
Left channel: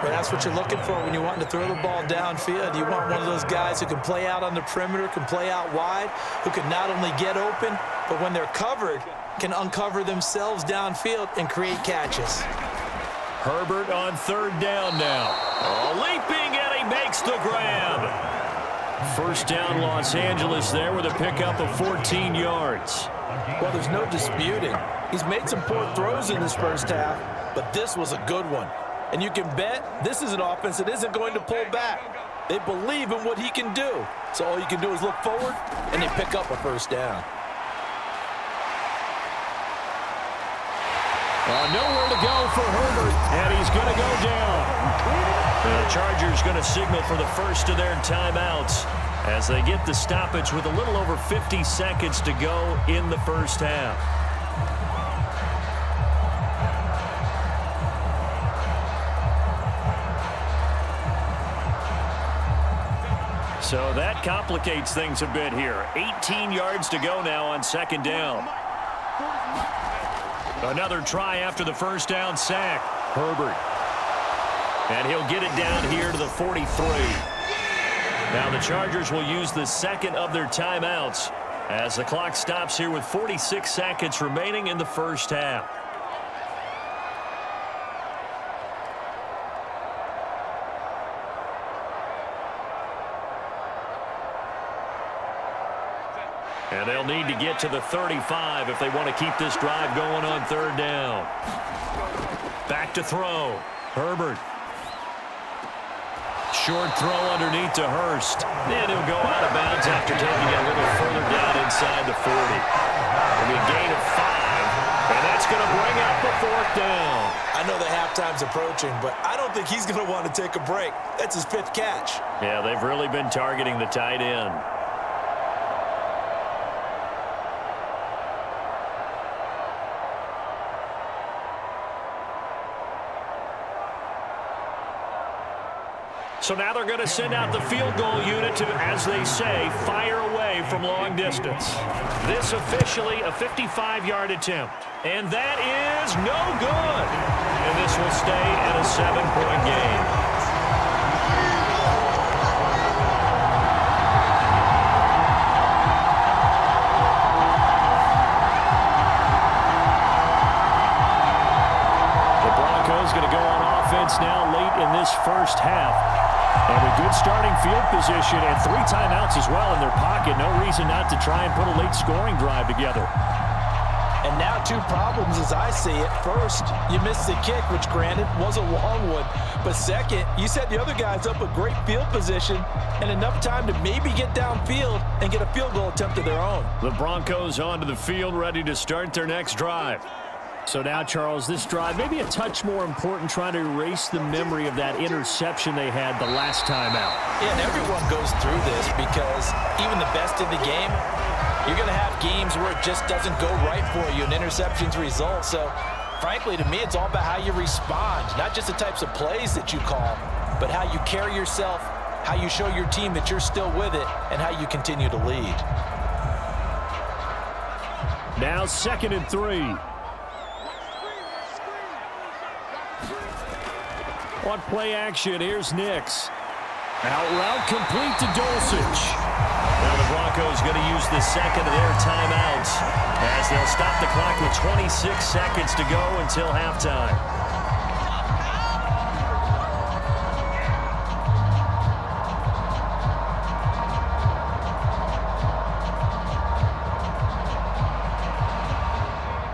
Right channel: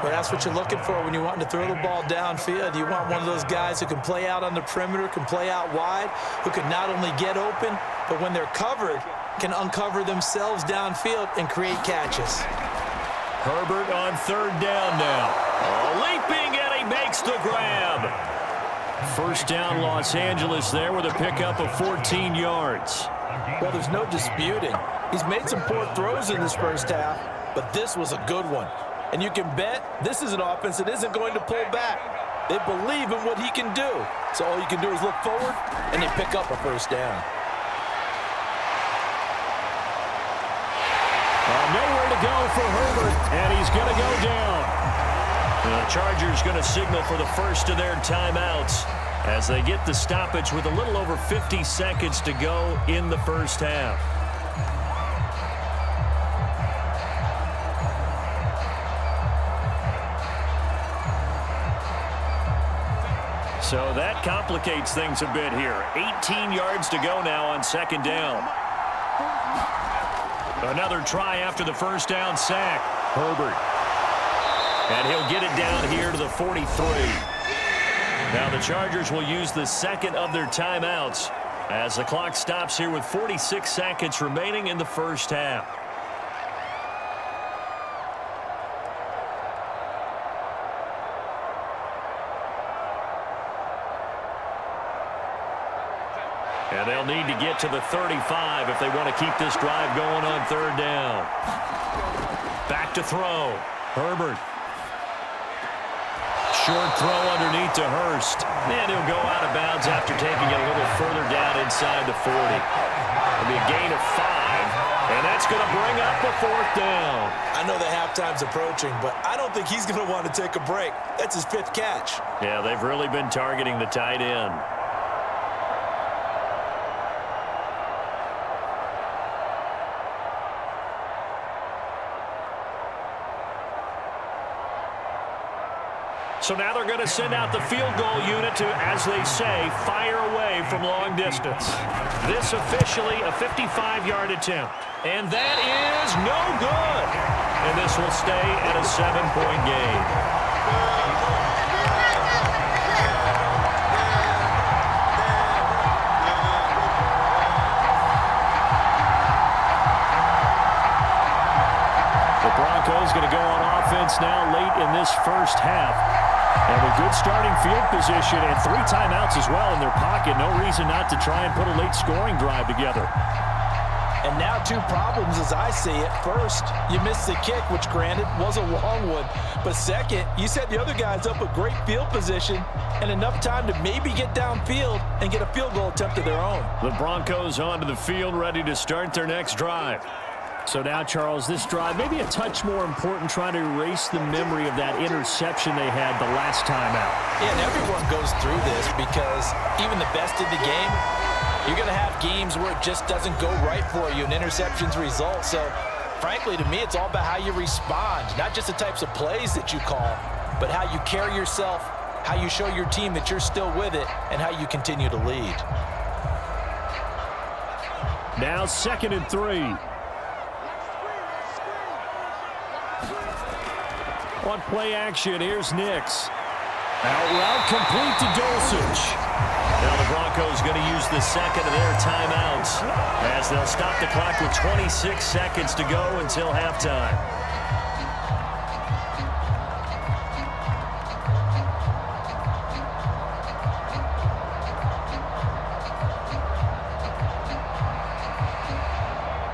Well, that's what you're looking for when you want to throw the ball downfield. You want one of those guys who can play out on the perimeter, can play out wide, who can not only get open, but when they're covered, can uncover themselves downfield and create catches. Herbert on 3rd down now. Oh, leaping, and he makes the grab. First down, Los Angeles there with a pickup of 14 yards. Well, there's no disputing. He's made some poor throws in this first half, but this was a good one. And you can bet this is an offense that isn't going to pull back. They believe in what he can do. So all you can do is look forward, and they pick up a first down. Nowhere to go for Herbert, and he's going to go down. The Chargers going to signal for the first of their timeouts as they get the stoppage with a little over 50 seconds to go in the first half. So that complicates things a bit here. 18 yards to go now on 2nd down. Another try after the first down sack. Herbert. And he'll get it down here to the 43. Now the Chargers will use the 2nd of their timeouts as the clock stops here with 46 seconds remaining in the first half. And they'll need to get to the 35 if they want to keep this drive going on 3rd down. Back to throw. Herbert. Short throw underneath to Hurst. And he'll go out of bounds after taking it a little further down inside the 40. It'll be a gain of 5. And that's going to bring up a 4th down. I know the halftime's approaching, but I don't think he's going to want to take a break. That's his 5th catch. Yeah, they've really been targeting the tight end. So now they're going to send out the field goal unit to, as they say, fire away from long distance. This officially a 55-yard attempt. And that is no good. And this will stay at a 7-point game. The Broncos going to go on offense now late in this first half. And with good starting field position and 3 timeouts as well in their pocket, no reason not to try and put a late scoring drive together. And now 2 problems as I see it. First, you missed the kick, which granted was a long one. But second, you set the other guys up with great field position and enough time to maybe get downfield and get a field goal attempt of their own. The Broncos onto the field ready to start their next drive. So now, Charles, this drive maybe a touch more important, trying to erase the memory of that interception they had the last time out. Yeah, and everyone goes through this because even the best in the game, you're going to have games where it just doesn't go right for you, and interceptions result. So, frankly, to me, it's all about how you respond, not just the types of plays that you call, but how you carry yourself, how you show your team that you're still with it, and how you continue to lead. Now 2nd and 3. On play action, here's Nix. Out route complete to Dulcich. Now the Broncos going to use the second of their timeouts as they'll stop the clock with 26 seconds to go until halftime.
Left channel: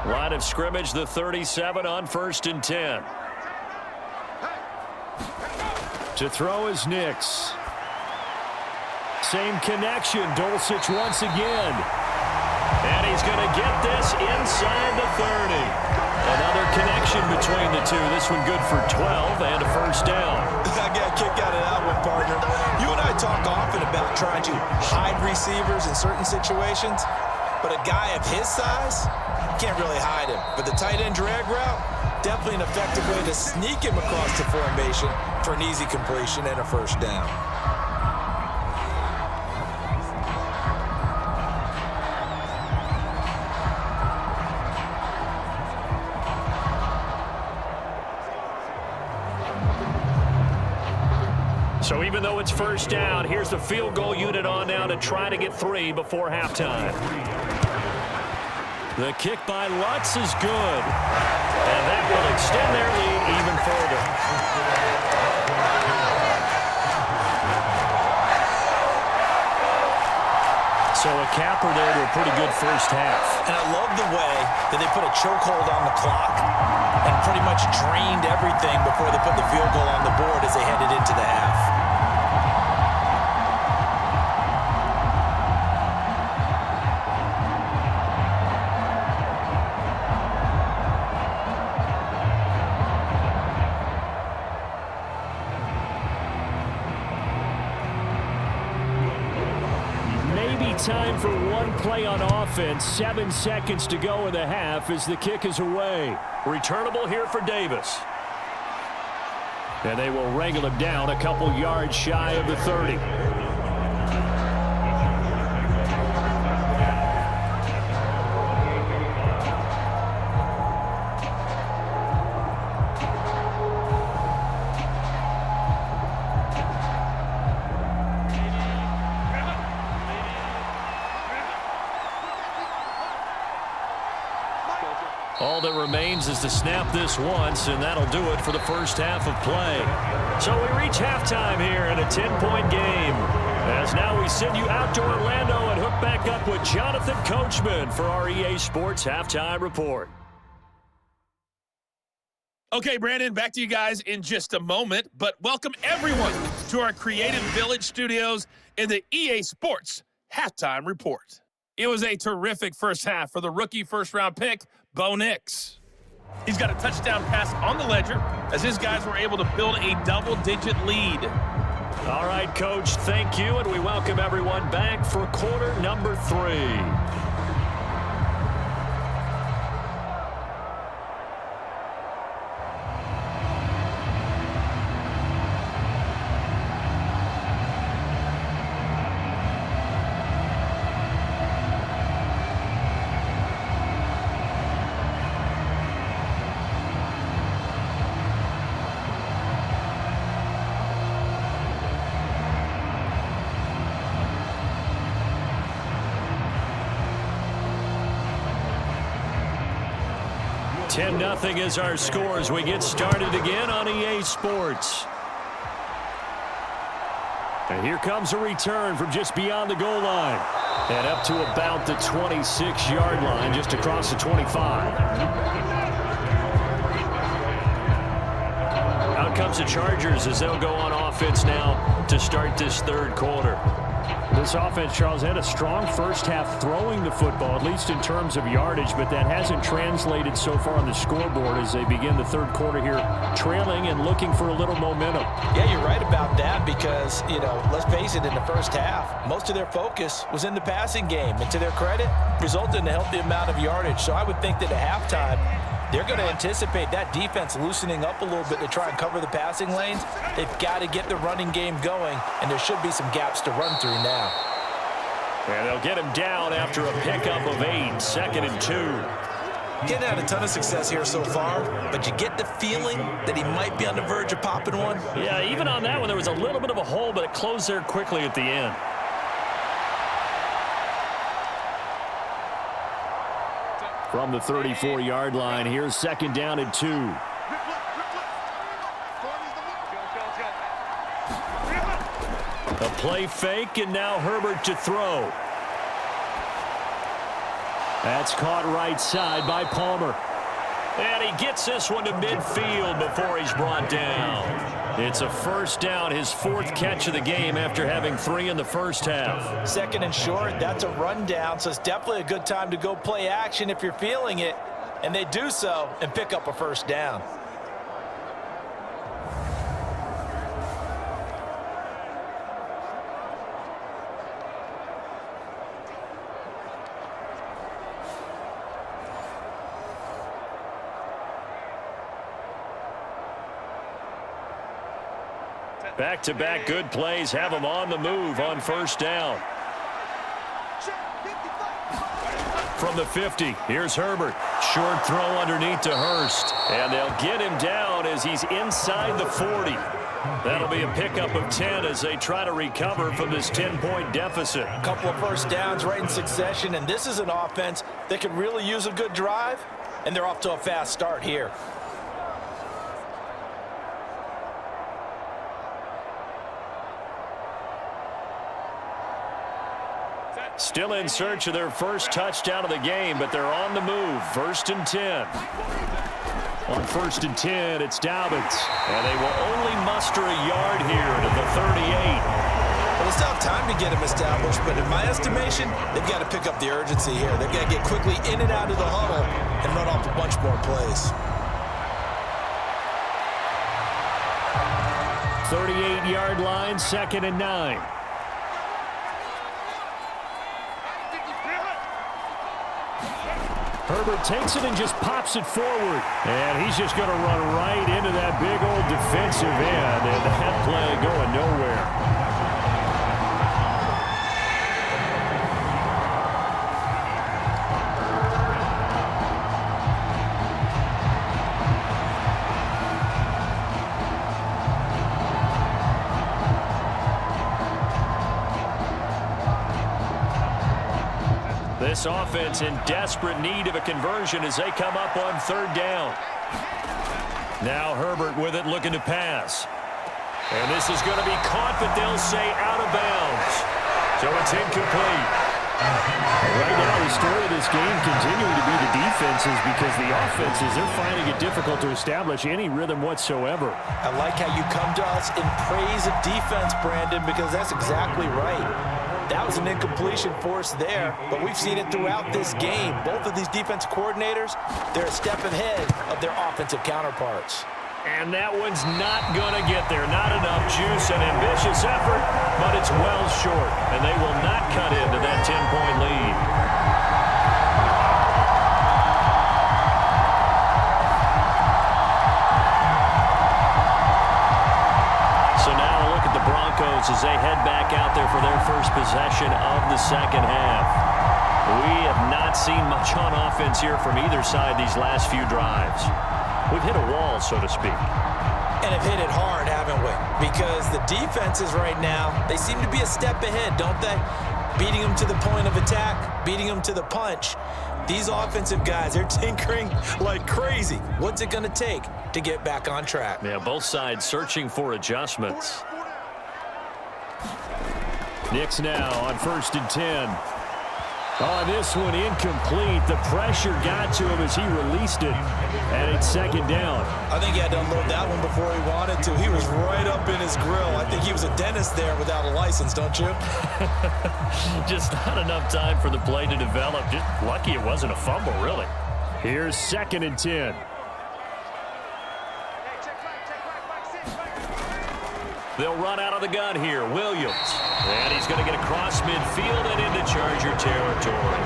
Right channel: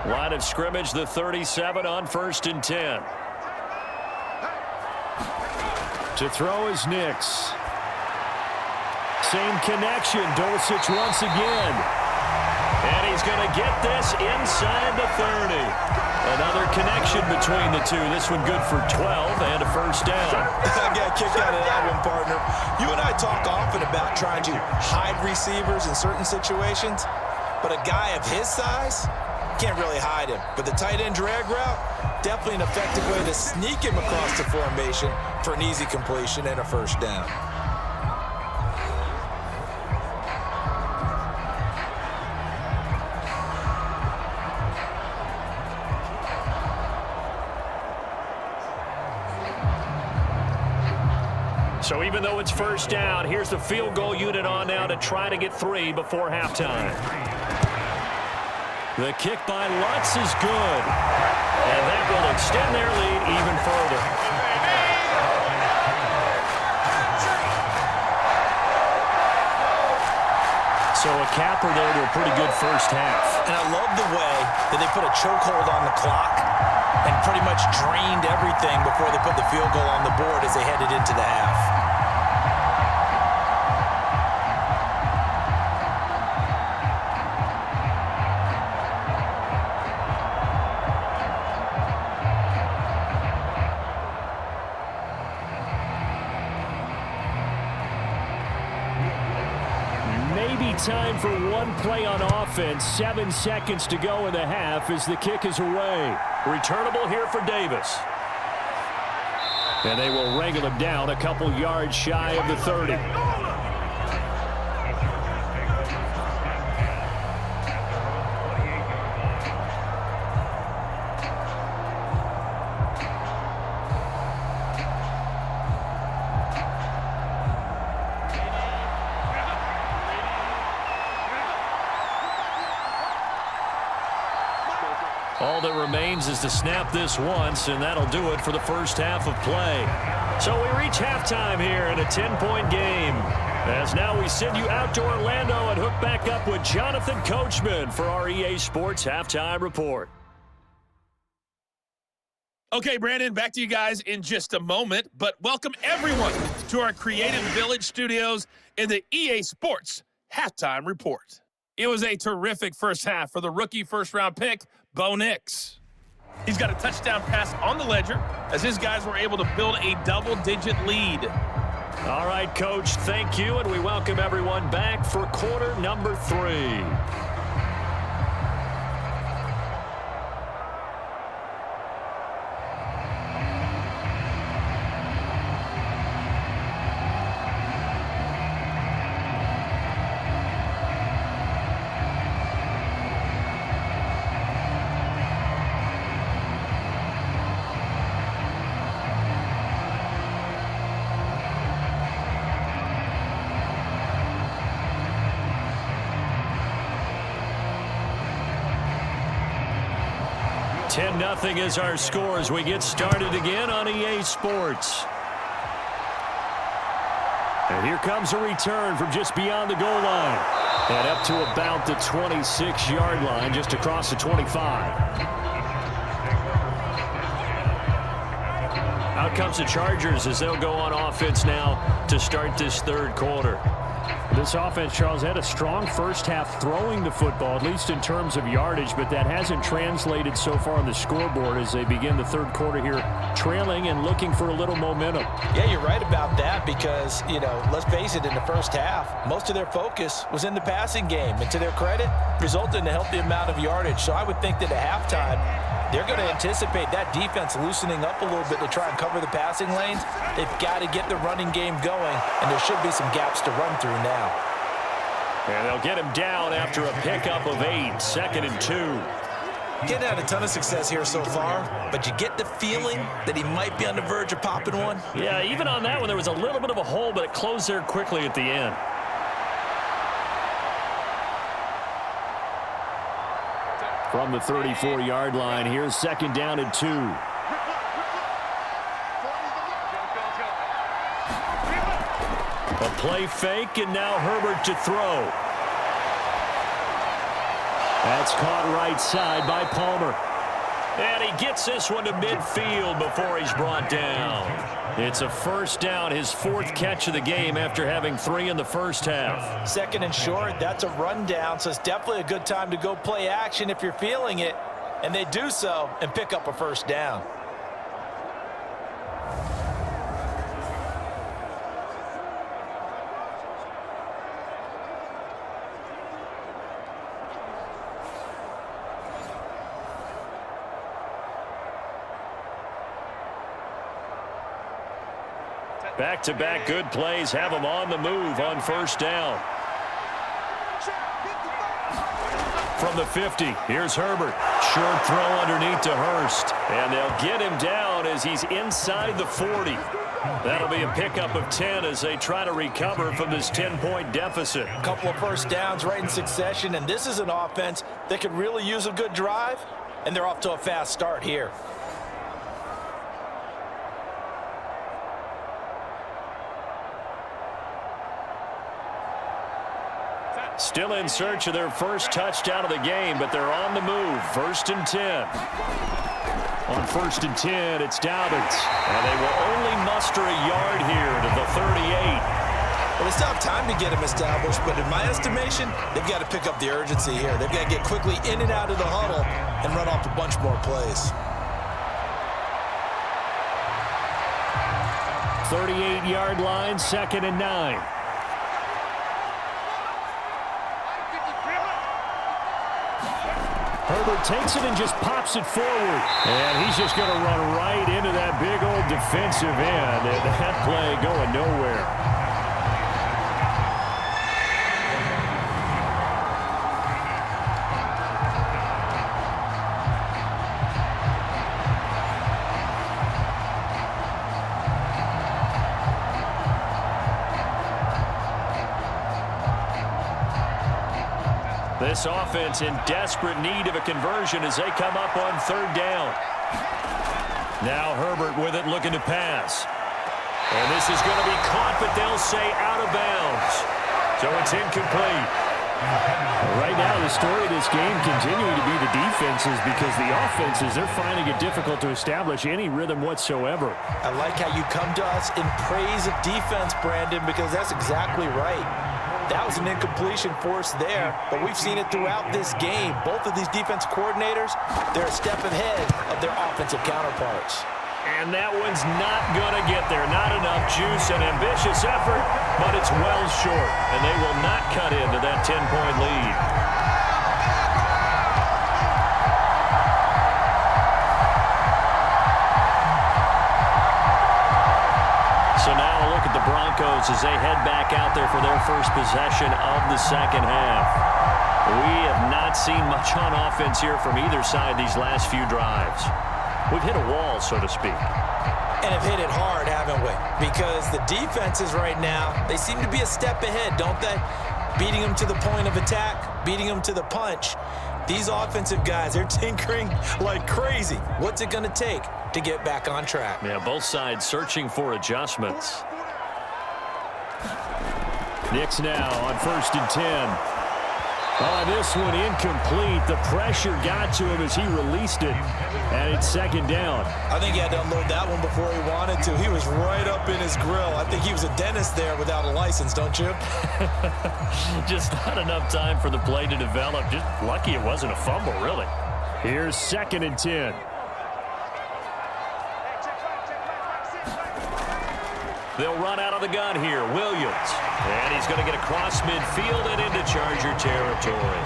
Line of scrimmage, the 37 on 1st and 10. To throw is Nix. Same connection, Dulcich once again. And he's going to get this inside the 30. Another connection between the two. This one good for 12 and a first down. I got a kick out of that one, partner. You and I talk often about trying to hide receivers in certain situations, but a guy of his size can't really hide him. But the tight end drag route, definitely an effective way to sneak him across the formation for an easy completion and a first down. So even though it's first down, here's the field goal unit on now to try to get 3 before halftime. The kick by Lutz is good. And that will extend their lead even further. So a capper there to a pretty good first half. And I love the way that they put a chokehold on the clock and pretty much drained everything before they put the field goal on the board as they headed into the half. Maybe time for one play on offense. 7 seconds to go in the half as the kick is away. Returnable here for Davis. And they will wrangle him down a couple yards shy of the 30. All that remains is to snap this once, and that'll do it for the first half of play. So we reach halftime here in a 10-point game. As now we send you out to Orlando and hook back up with Jonathan Coachman for our EA Sports Halftime Report. Okay, Brandon, back to you guys in just a moment, but welcome everyone to our Creative Village studios in the EA Sports Halftime Report. It was a terrific first half for the rookie first-round pick, Bo Nix. He's got a touchdown pass on the ledger as his guys were able to build a double-digit lead. All right, Coach, thank you, and we welcome everyone back for quarter number 3. 10-0 is our score as we get started again on EA Sports. And here comes a return from just beyond the goal line. And up to about the 26-yard line, just across the 25. Out comes the Chargers as they'll go on offense now to start this third quarter. This offense, Charles, had a strong first half throwing the football, at least in terms of yardage, but that hasn't translated so far on the scoreboard as they begin the third quarter here, trailing and looking for a little momentum. Yeah, you're right about that because, let's face it, in the first half, most of their focus was in the passing game. And to their credit, resulted in a healthy amount of yardage. So I would think that at halftime, they're going to anticipate that defense loosening up a little bit to try and cover the passing lanes. They've got to get the running game going, and there should be some gaps to run through now. And they'll get him down after a pickup of 8, 2nd and 2. Getting had a ton of success here so far, but you get the feeling that he might be on the verge of popping one. Yeah, even on that one, there was a little bit of a hole, but it closed there quickly at the end. From the 34-yard line, here's 2nd down and 2. A play fake, and now Herbert to throw. That's caught right side by Palmer. And he gets this one to midfield before he's brought down. It's a first down, his 4th catch of the game after having 3 in the first half. 2nd and short, that's a rundown, so it's definitely a good time to go play action if you're feeling it. And they do so and pick up a first down. Back-to-back good plays have him on the move on first down. From the 50, here's Herbert. Short throw underneath to Hurst. And they'll get him down as he's inside the 40. That'll be a pickup of 10 as they try to recover from this 10-point deficit. A couple of first downs right in succession, and this is an offense that could really use a good drive, and they're off to a fast start here. Still in search of their first touchdown of the game, but they're on the move. 1st and 10. On 1st and 10, it's Dobbins. And they will only muster a yard here to the 38. Well, they still have time to get him established, but in my estimation, they've got to pick up the urgency here. They've got to get quickly in and out of the huddle and run off a bunch more plays. 38-yard line, 2nd and 9. Herbert takes it and just pops it forward. And he's just going to run right into that big old defensive end. And that play going nowhere. This offense in desperate need of a conversion as they come up on 3rd down. Now Herbert with it, looking to pass. And this is going to be caught, but they'll say out of bounds. So it's incomplete. Right now, the story of this game continuing to be the defenses, because the offenses, they're finding it difficult to establish any rhythm whatsoever. I like how you come to us in praise of defense, Brandon, because that's exactly right. That was an incompletion force there, but we've seen it throughout this game. Both of these defense coordinators, they're a step ahead of their offensive counterparts. And that one's not going to get there. Not enough juice, an ambitious effort, but it's well short. And they will not cut into that 10-point lead. So now a look at the Broncos as they head back out there for their first possession of the second half. We have not seen much on offense here from either side these last few drives. We've hit a wall, so to speak. And have hit it hard, haven't we? Because the defenses right now, they seem to be a step ahead, don't they? beating them to the point of attack, beating them to the punch. These offensive guys, they're tinkering like crazy. What's it going to take to get back on track? Yeah, both sides searching for adjustments. Knicks now on 1st and 10. Oh, this one incomplete. The pressure got to him as he released it, and it's 2nd down. I think he had to unload that one before he wanted to. He was right up in his grill. I think he was a dentist there without a license, don't you? Just not enough time for the play to develop. Just lucky it wasn't a fumble, really. Here's 2nd and 10. They'll run out of the gun here. Williams. And he's going to get across midfield and into Charger territory.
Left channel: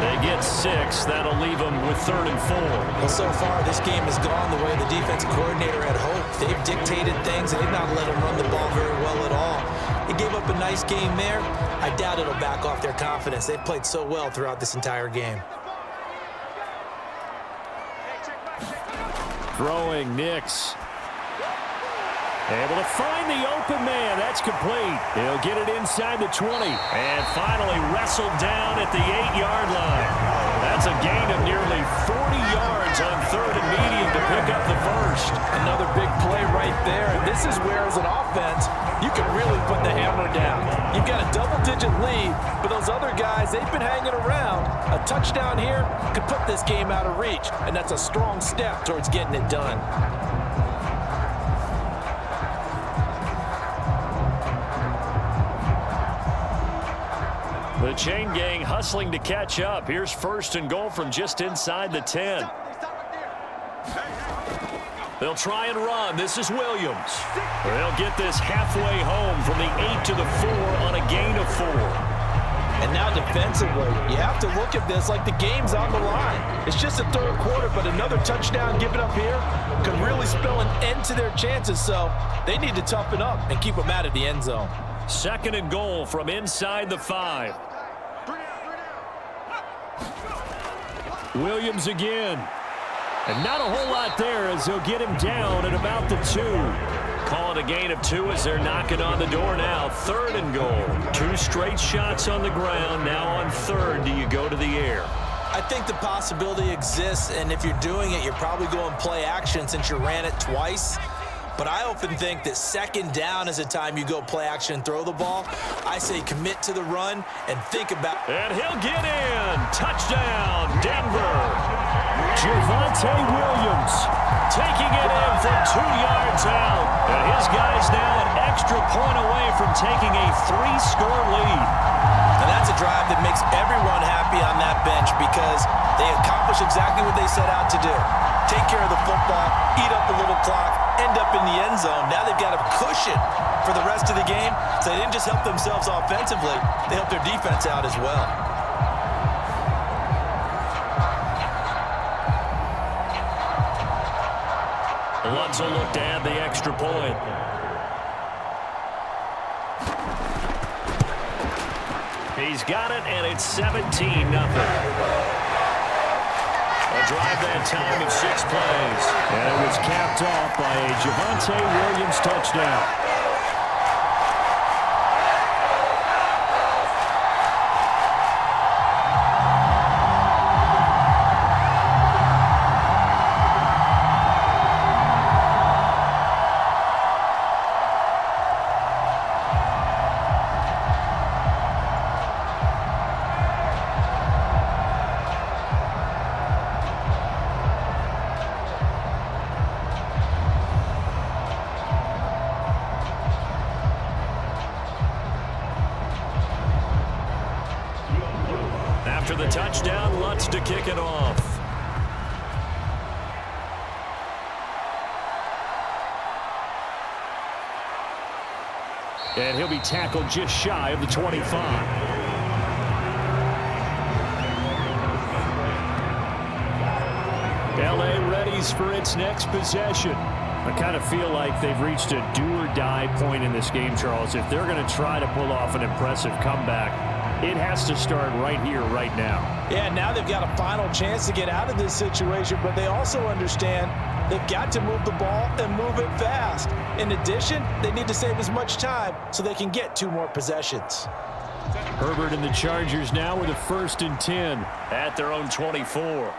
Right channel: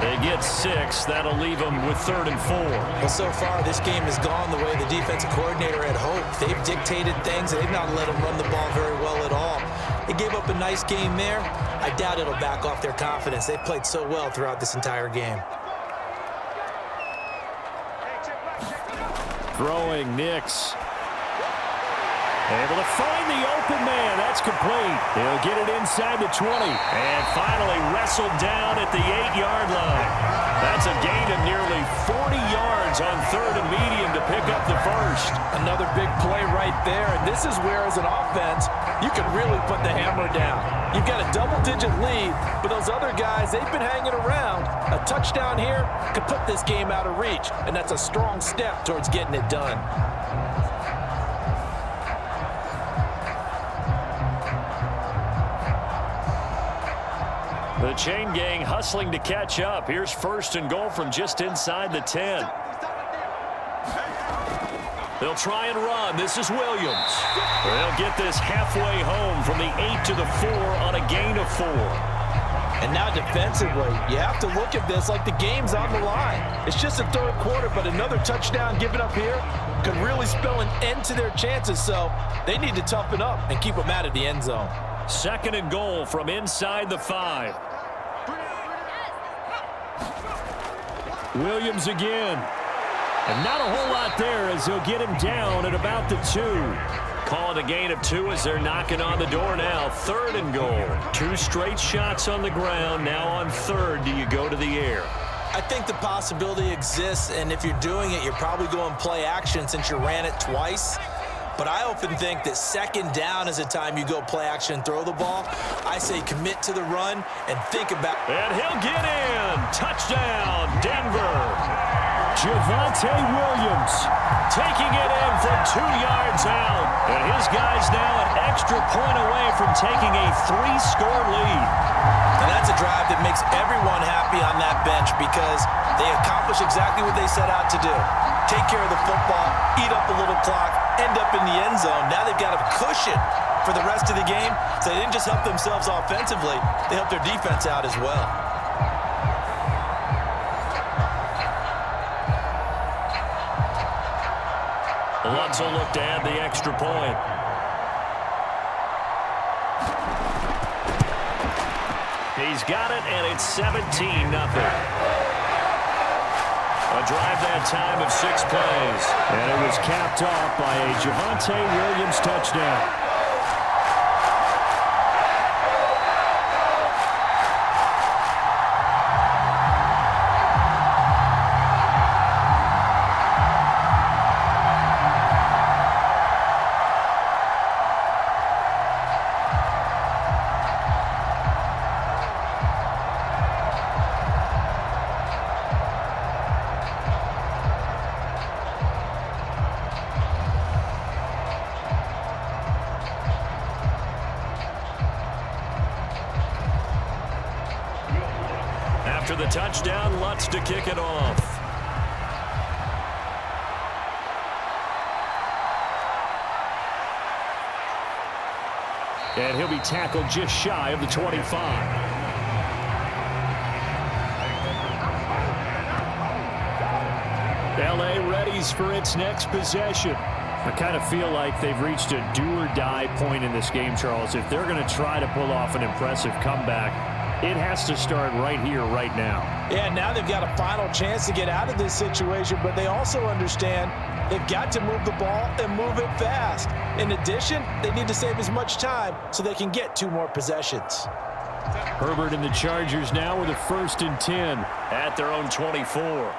They get 6. That'll leave them with 3rd and 4. Well, so far, this game has gone the way the defensive coordinator had hoped. They've dictated things, and they've not let them run the ball very well at all. They gave up a nice game there. I doubt it'll back off their confidence. They've played so well throughout this entire game. Throwing Knicks. Able to find the open man. That's complete. He'll get it inside the 20. And finally wrestled down at the 8-yard line. That's a gain of nearly 40 yards on 3rd and medium to pick up the first. Another big play right there. And this is where, as an offense, you can really put the hammer down. You've got a double-digit lead, but those other guys, they've been hanging around. A touchdown here could put this game out of reach, and that's a strong step towards getting it done. The chain gang hustling to catch up. Here's 1st and goal from just inside the 10. They'll try and run. This is Williams. They'll get this halfway home from the 8 to the 4 on a gain of 4. And now defensively, you have to look at this like the game's on the line. It's just the 3rd quarter, but another touchdown given up here could really spell an end to their chances. So they need to toughen up and keep them out of the end zone. 2nd and goal from inside the 5. Williams again. And not a whole lot there as they'll get him down at about the 2. Call it a gain of 2 as they're knocking on the door now. 3rd and goal. 2 straight shots on the ground. Now on 3rd, do you go to the air? I think the possibility exists, and if you're doing it, you're probably going play action since you ran it twice. But I often think that 2nd down is a time you go play action and throw the ball. I say commit to the run and think about... And he'll get in. Touchdown, Denver. Javonte Williams taking it in from 2 yards out. And his guy's now an extra point away from taking a 3-score lead. And that's a drive that makes everyone happy on that bench because they accomplish exactly what they set out to do. Take care of the football, eat up a little clock, end up in the end zone. Now they've got a cushion for the rest of the game. So they didn't just help themselves offensively, they helped their defense out as well. Lutz will look to add the extra point. He's got it, and it's 17-0. A drive that time of 6 plays. And it was capped off by a Javonte Williams touchdown. After the touchdown, Lutz to kick it off. And he'll be tackled just shy of the 25. LA readies for its next possession. I kind of feel like they've reached a do-or-die point in this game, Charles. If they're going to try to pull off an impressive comeback, it has to start right here, right now. Yeah, now they've got a final chance to get out of this situation, but they also understand they've got to move the ball and move it fast. In addition, they need to save as much time so they can get 2 more possessions. Herbert and the Chargers now with a 1st and 10 at their own 24.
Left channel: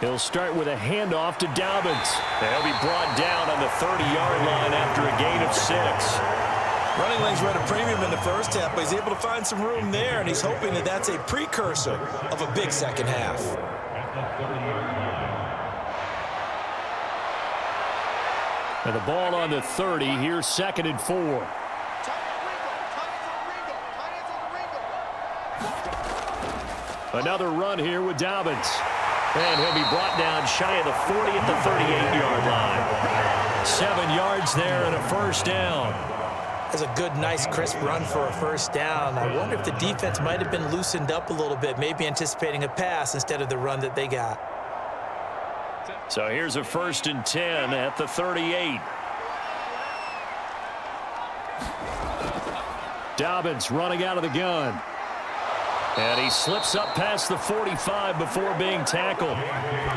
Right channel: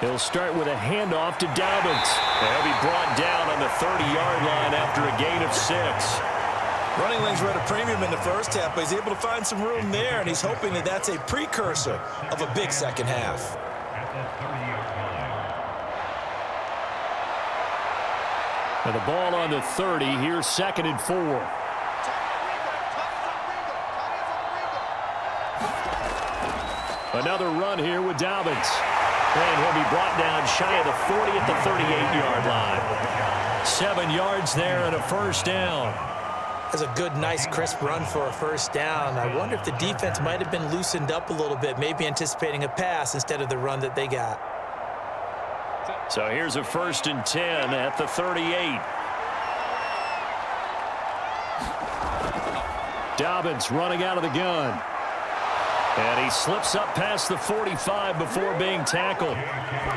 He'll start with a handoff to Dobbins. He'll be brought down on the 30-yard line after a gain of 6. Running lanes were at a premium in the first half, but he's able to find some room there, and he's hoping that that's a precursor of a big second half. And the ball on the 30. Here's 2nd and 4. Another run here with Dobbins. And he'll be brought down shy of the 40 at the 38-yard line. 7 yards there and a 1st down. That's a good, nice, crisp run for a 1st down. I wonder if the defense might have been loosened up a little bit, maybe anticipating a pass instead of the run that they got. So here's a 1st and 10 at the 38. Dobbins running out of the gun. And he slips up past the 45 before being tackled.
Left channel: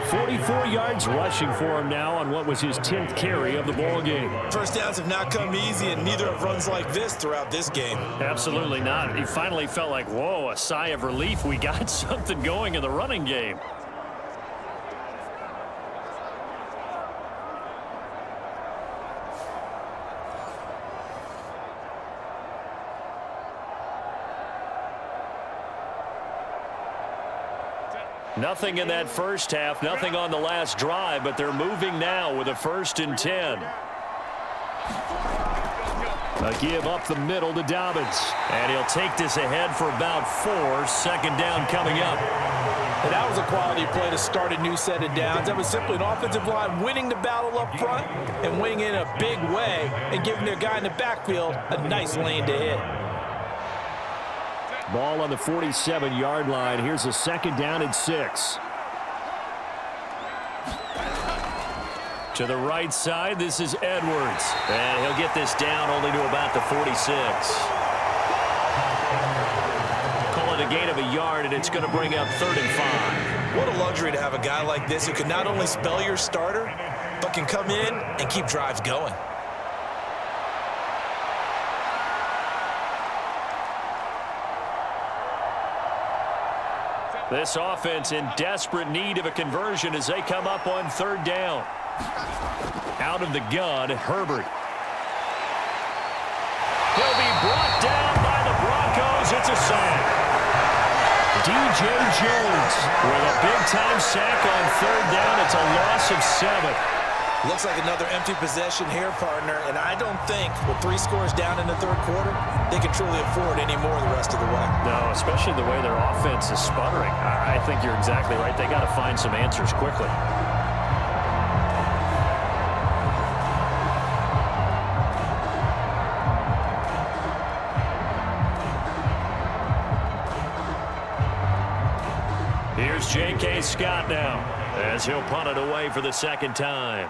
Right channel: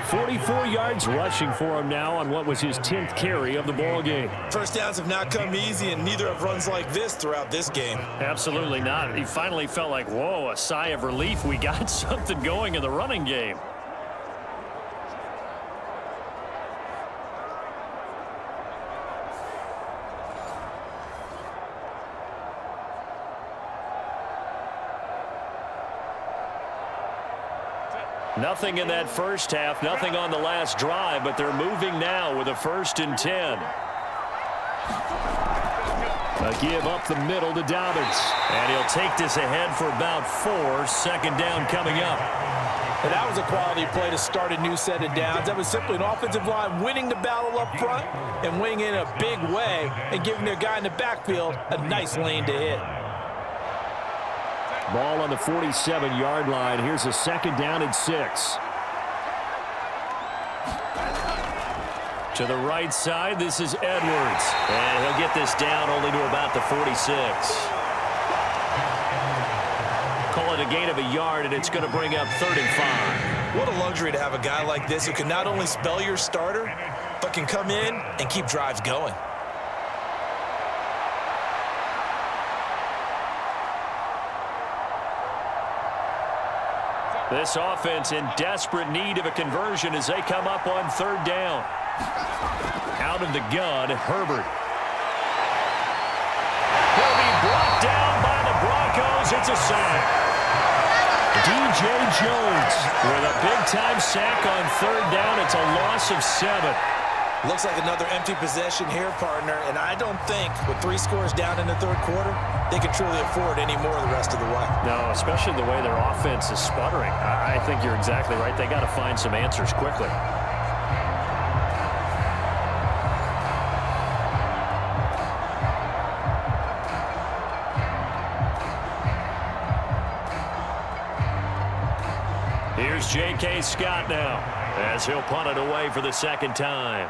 44 yards rushing for him now on what was his 10th carry of the ball game. 1st downs have not come easy, and neither have runs like this throughout this game. Absolutely not. He finally felt like, whoa, a sigh of relief. We got something going in the running game. Nothing in that first half, nothing on the last drive, but they're moving now with a 1st and 10. A give up the middle to Dobbins. And he'll take this ahead for about 4. 2nd down coming up. And that was a quality play to start a new set of downs. That was simply an offensive line winning the battle up front and winning in a big way and giving their guy in the backfield a nice lane to hit. Ball on the 47-yard line. Here's a 2nd down and 6. To the right side, this is Edwards. And he'll get this down only to about the 46. Call it a gain of a yard, and it's going to bring up 3rd and 5. What a luxury to have a guy like this who can not only spell your starter, but can come in and keep drives going. This offense in desperate need of a conversion as they come up on 3rd down. Out of the gun, Herbert. He'll be brought down by the Broncos. It's a sack. DJ Jones with a big-time sack on 3rd down. It's a loss of 7. Looks like another empty possession here, partner, and I don't think with 3 scores down in the 3rd quarter, they can truly afford any more the rest of the way. No, especially the way their offense is sputtering. I think you're exactly right. They got to find some answers quickly. Here's J.K. Scott now as he'll punt it away for the 2nd time.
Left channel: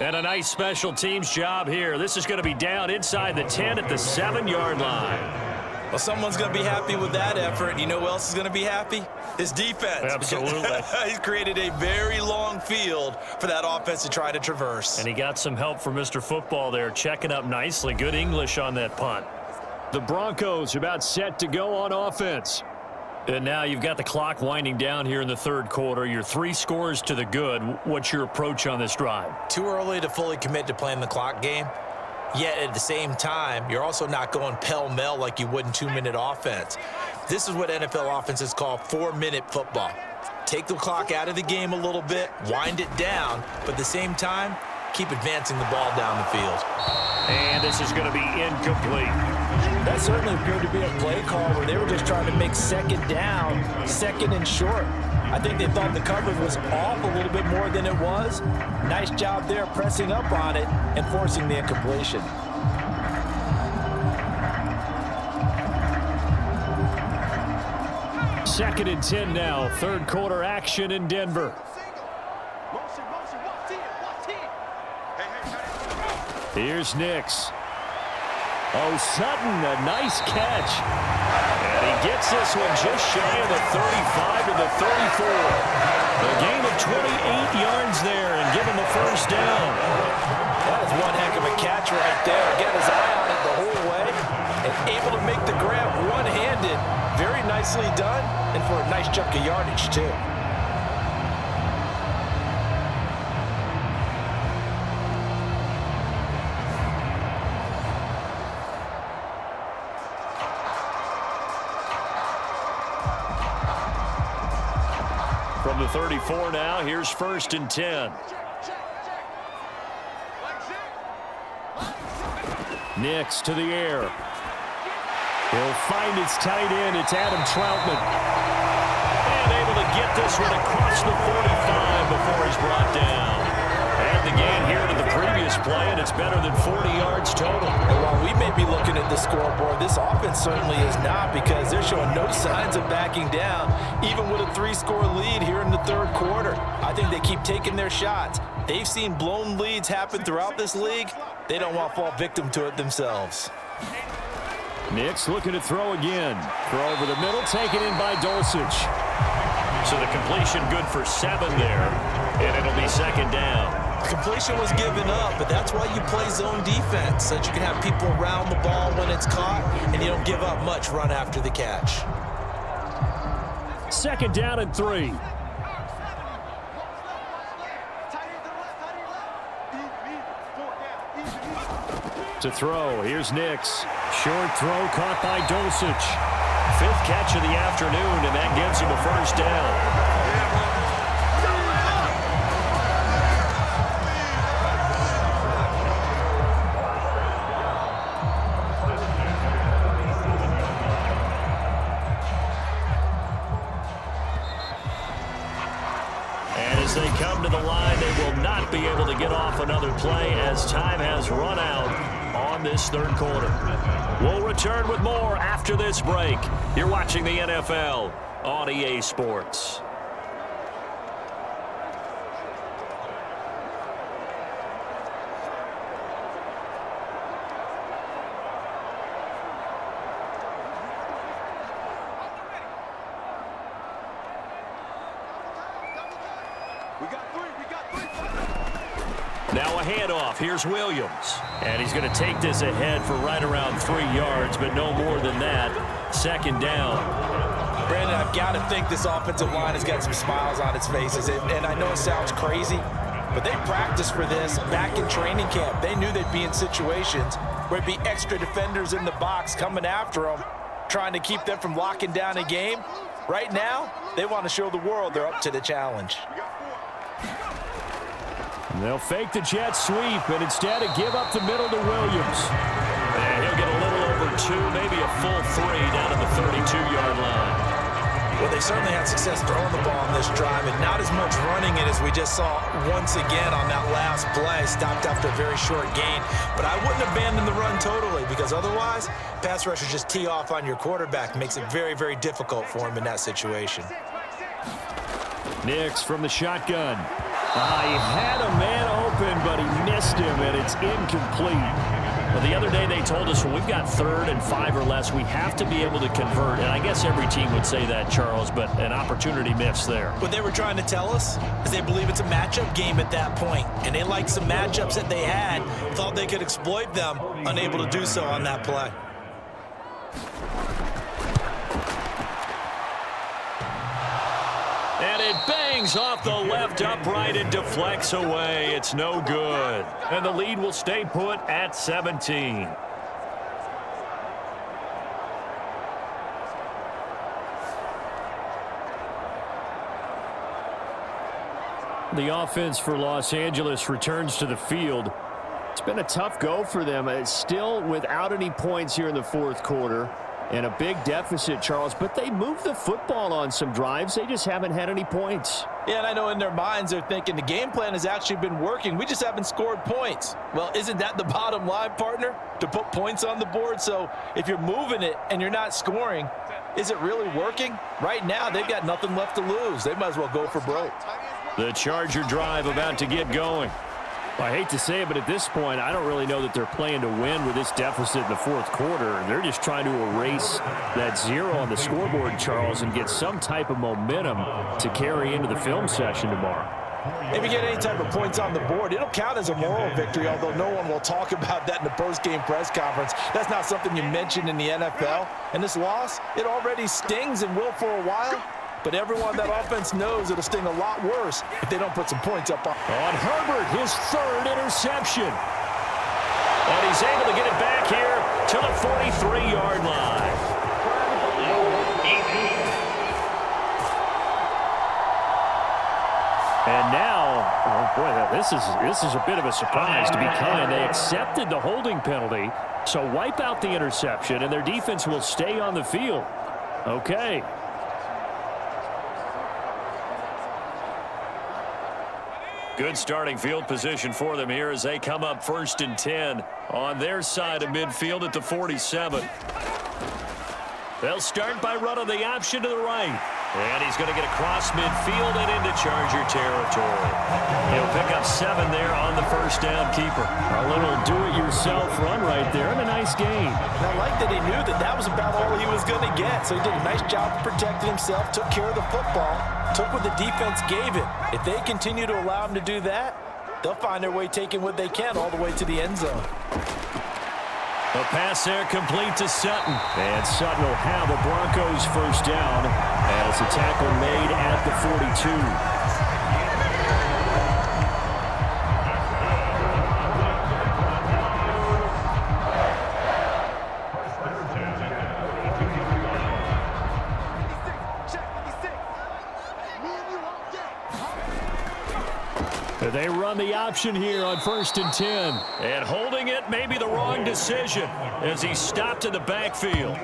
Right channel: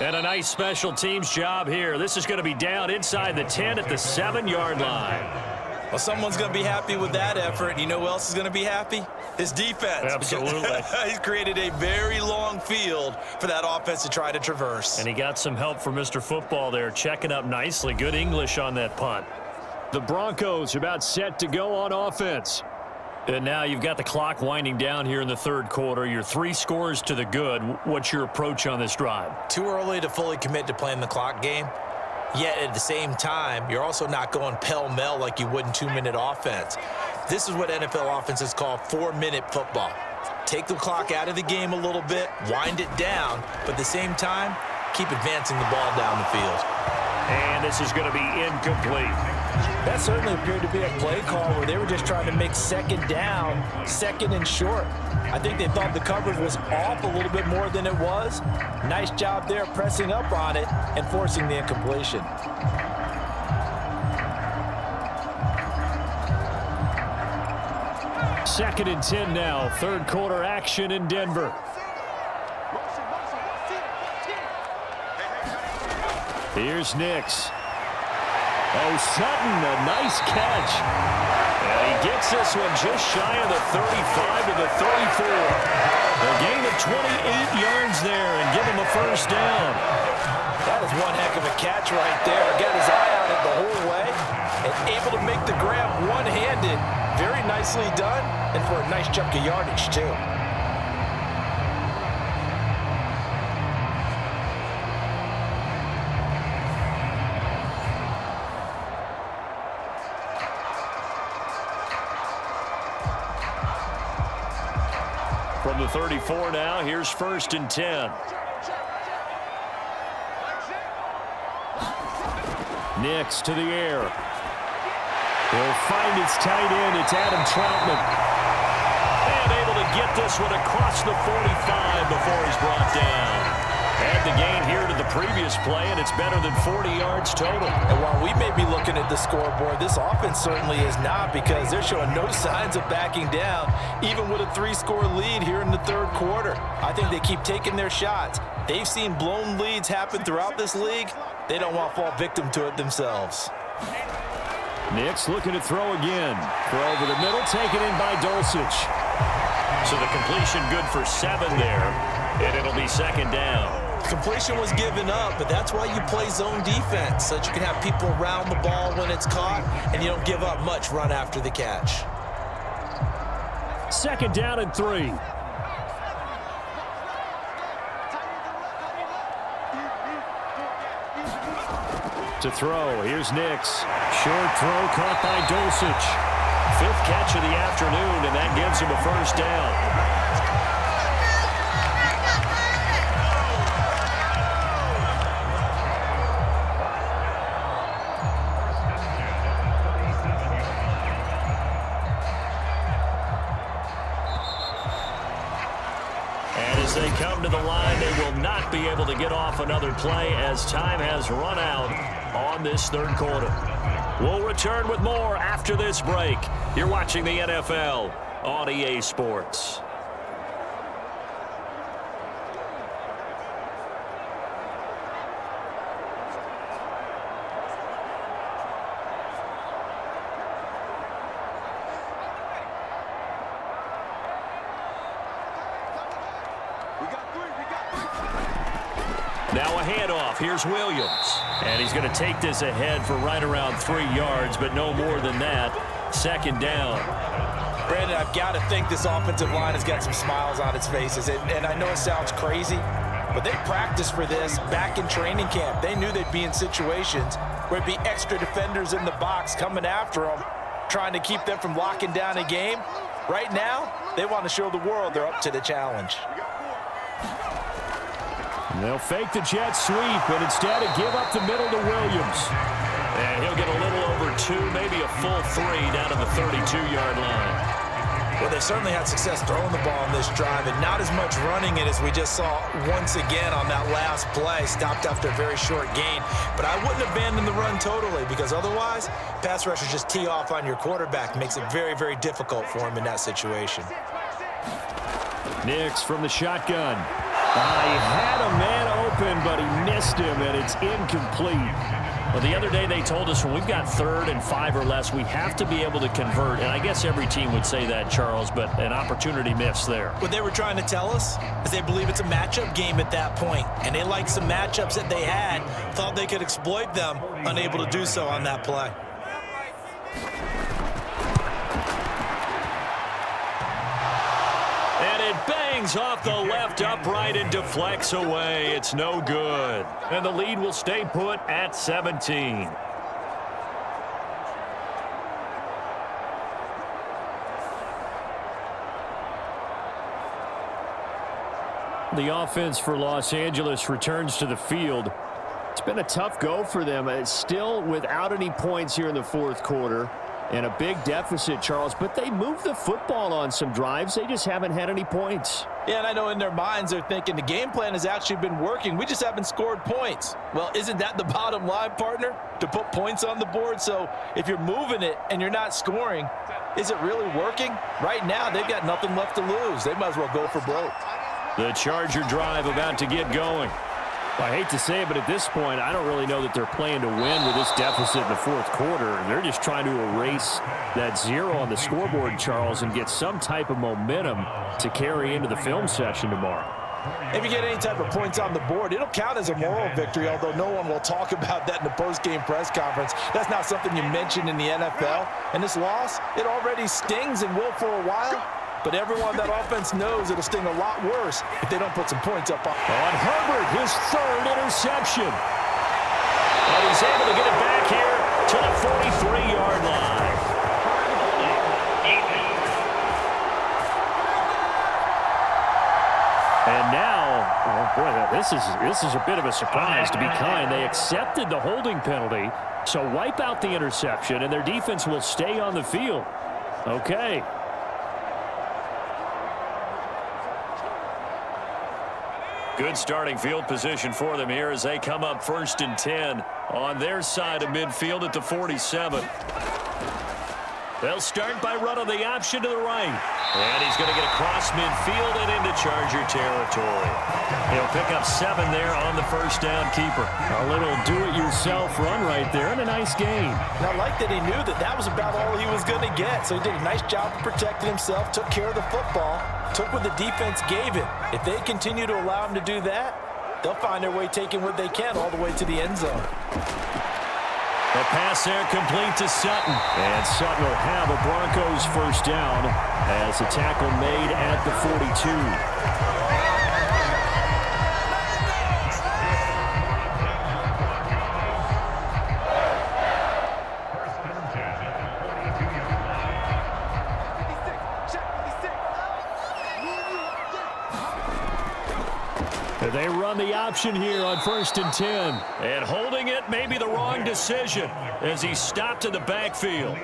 And a nice special teams job here. This is going to be down inside the 10 at the 7-yard line. Well, someone's going to be happy with that effort. You know who else is going to be happy? His defense. Absolutely. He's created a very long field for that offense to try to traverse. And he got some help from Mr. Football there, checking up nicely. Good English on that punt. The Broncos are about set to go on offense. And now you've got the clock winding down here in the 3rd quarter. You're 3 scores to the good. What's your approach on this drive? Too early to fully commit to playing the clock game. Yet at the same time, you're also not going pell-mell like you would in 2-minute offense. This is what NFL offenses call 4-minute football. Take the clock out of the game a little bit, wind it down, but at the same time, keep advancing the ball down the field. And this is going to be incomplete. That certainly appeared to be a play call where they were just trying to make 2nd down, 2nd and short. I think they thought the coverage was off a little bit more than it was. Nice job there pressing up on it and forcing the incompletion. Second and 10 now. 3rd quarter action in Denver. Here's Nix. Oh, Sutton, a nice catch. And he gets this one just shy of the 35 to the 34. The gain 28 yards there and give him a first down. That is one heck of a catch right there. Got his eye on it the whole way and able to make the grab one-handed. Very nicely done, and for a nice chunk of yardage, too. From the 34 now, here's 1st and 10. Nix to the air. He'll find his tight end. It's Adam Troutman. And able to get this one across the 45 before he's brought down. Add the gain here to the previous play, and it's better than 40 yards total. And while we may be looking at the scoreboard, this offense certainly is not, because they're showing no signs of backing down, even with a 3-score lead here in the third quarter. I think they keep taking their shots. They've seen blown leads happen throughout this league. They don't want to fall victim to it themselves. Nix looking to throw again. Throw over the middle, taken in by Dulcich. So the completion good for 7 there, and it'll be 2nd down. Completion was given up, but that's why you play zone defense, so that you can have people around the ball when it's caught, and you don't give up much run after the catch. 2nd down and 3. To throw, here's Nix. Short throw caught by Dulcich. 5th catch of the afternoon, and that gives him a first down. As they come to the line, they will not be able to get off another play as time has run out on this third quarter. We'll return with more after this break. You're watching the NFL on EA Sports. Now a handoff. Here's Williams. And he's going to take this ahead for right around 3 yards, but no more than that. 2nd down. Brandon, I've got to think this offensive line has got some smiles on its faces. And I know it sounds crazy, but they practiced for this back in training camp. They knew they'd be in situations where it'd be extra defenders in the box coming after them, trying to keep them from locking down a game. Right now, they want to show the world they're up to the challenge. They'll fake the jet sweep, and instead give up the middle to Williams. And he'll get a little over 2, maybe a full 3 down to the 32-yard line. Well, they certainly had success throwing the ball on this drive, and not as much running it as we just saw once again on that last play. Stopped after a very short gain. But I wouldn't abandon the run totally, because otherwise, pass rushers just tee off on your quarterback. Makes it very, very difficult for him in that situation. Nix from the shotgun. He had a man open, but he missed him, and it's incomplete. Well, the other day they told us when we've got 3rd and 5 or less, we have to be able to convert. And I guess every team would say that, Charles, but an opportunity missed there. What they were trying to tell us is they believe it's a matchup game at that point, and they liked some matchups that they had, thought they could exploit them, unable to do so on that play. And it bangs off the left upright and deflects away. It's no good. And the lead will stay put at 17. The offense for Los Angeles returns to the field. It's been a tough go for them. It's still without any points here in the fourth quarter. And a big deficit, Charles, but they moved the football on some drives. They just haven't had any points. Yeah, and I know in their minds they're thinking the game plan has actually been working. We just haven't scored points. Well, isn't that the bottom line, partner? To put points on the board? So if you're moving it and you're not scoring, is it really working? Right now, they've got nothing left to lose. They might as well go for broke. The Charger drive about to get going. I hate to say it, but at this point, I don't really know that they're playing to win with this deficit in the fourth quarter. They're just trying to erase that 0 on the scoreboard, Charles, and get some type of momentum to carry into the film session tomorrow. If you get any type of points on the board, it'll count as a moral victory, although no one will talk about that in the post-game press conference. That's not something you mention in the NFL. And this loss, it already stings and will for a while. But everyone on that offense knows it'll sting a lot worse if they don't put some points up on Herbert, his 3rd interception. And he's able to get it back here to the 43-yard line. And now, oh boy, this is a bit of a surprise, to be kind. They accepted the holding penalty, so wipe out the interception, and their defense will stay on the field. Okay. Good starting field position for them here as they come up 1st and 10 on their side of midfield at the 47. They'll start by running the option to the right. And he's going to get across midfield and into Charger territory. He'll pick up 7 there on the first down keeper. A little do-it-yourself run right there and a nice gain. And I like that he knew that that was about all he was going to get. So he did a nice job of protecting himself, took care of the football, took what the defense gave him. If they continue to allow him to do that, they'll find their way taking what they can all the way to the end zone. A pass there complete to Sutton. And Sutton will have a Broncos first down as the tackle made at the 42. They run the option here on 1st and 10. And holding it may be the wrong decision as he stopped in the backfield.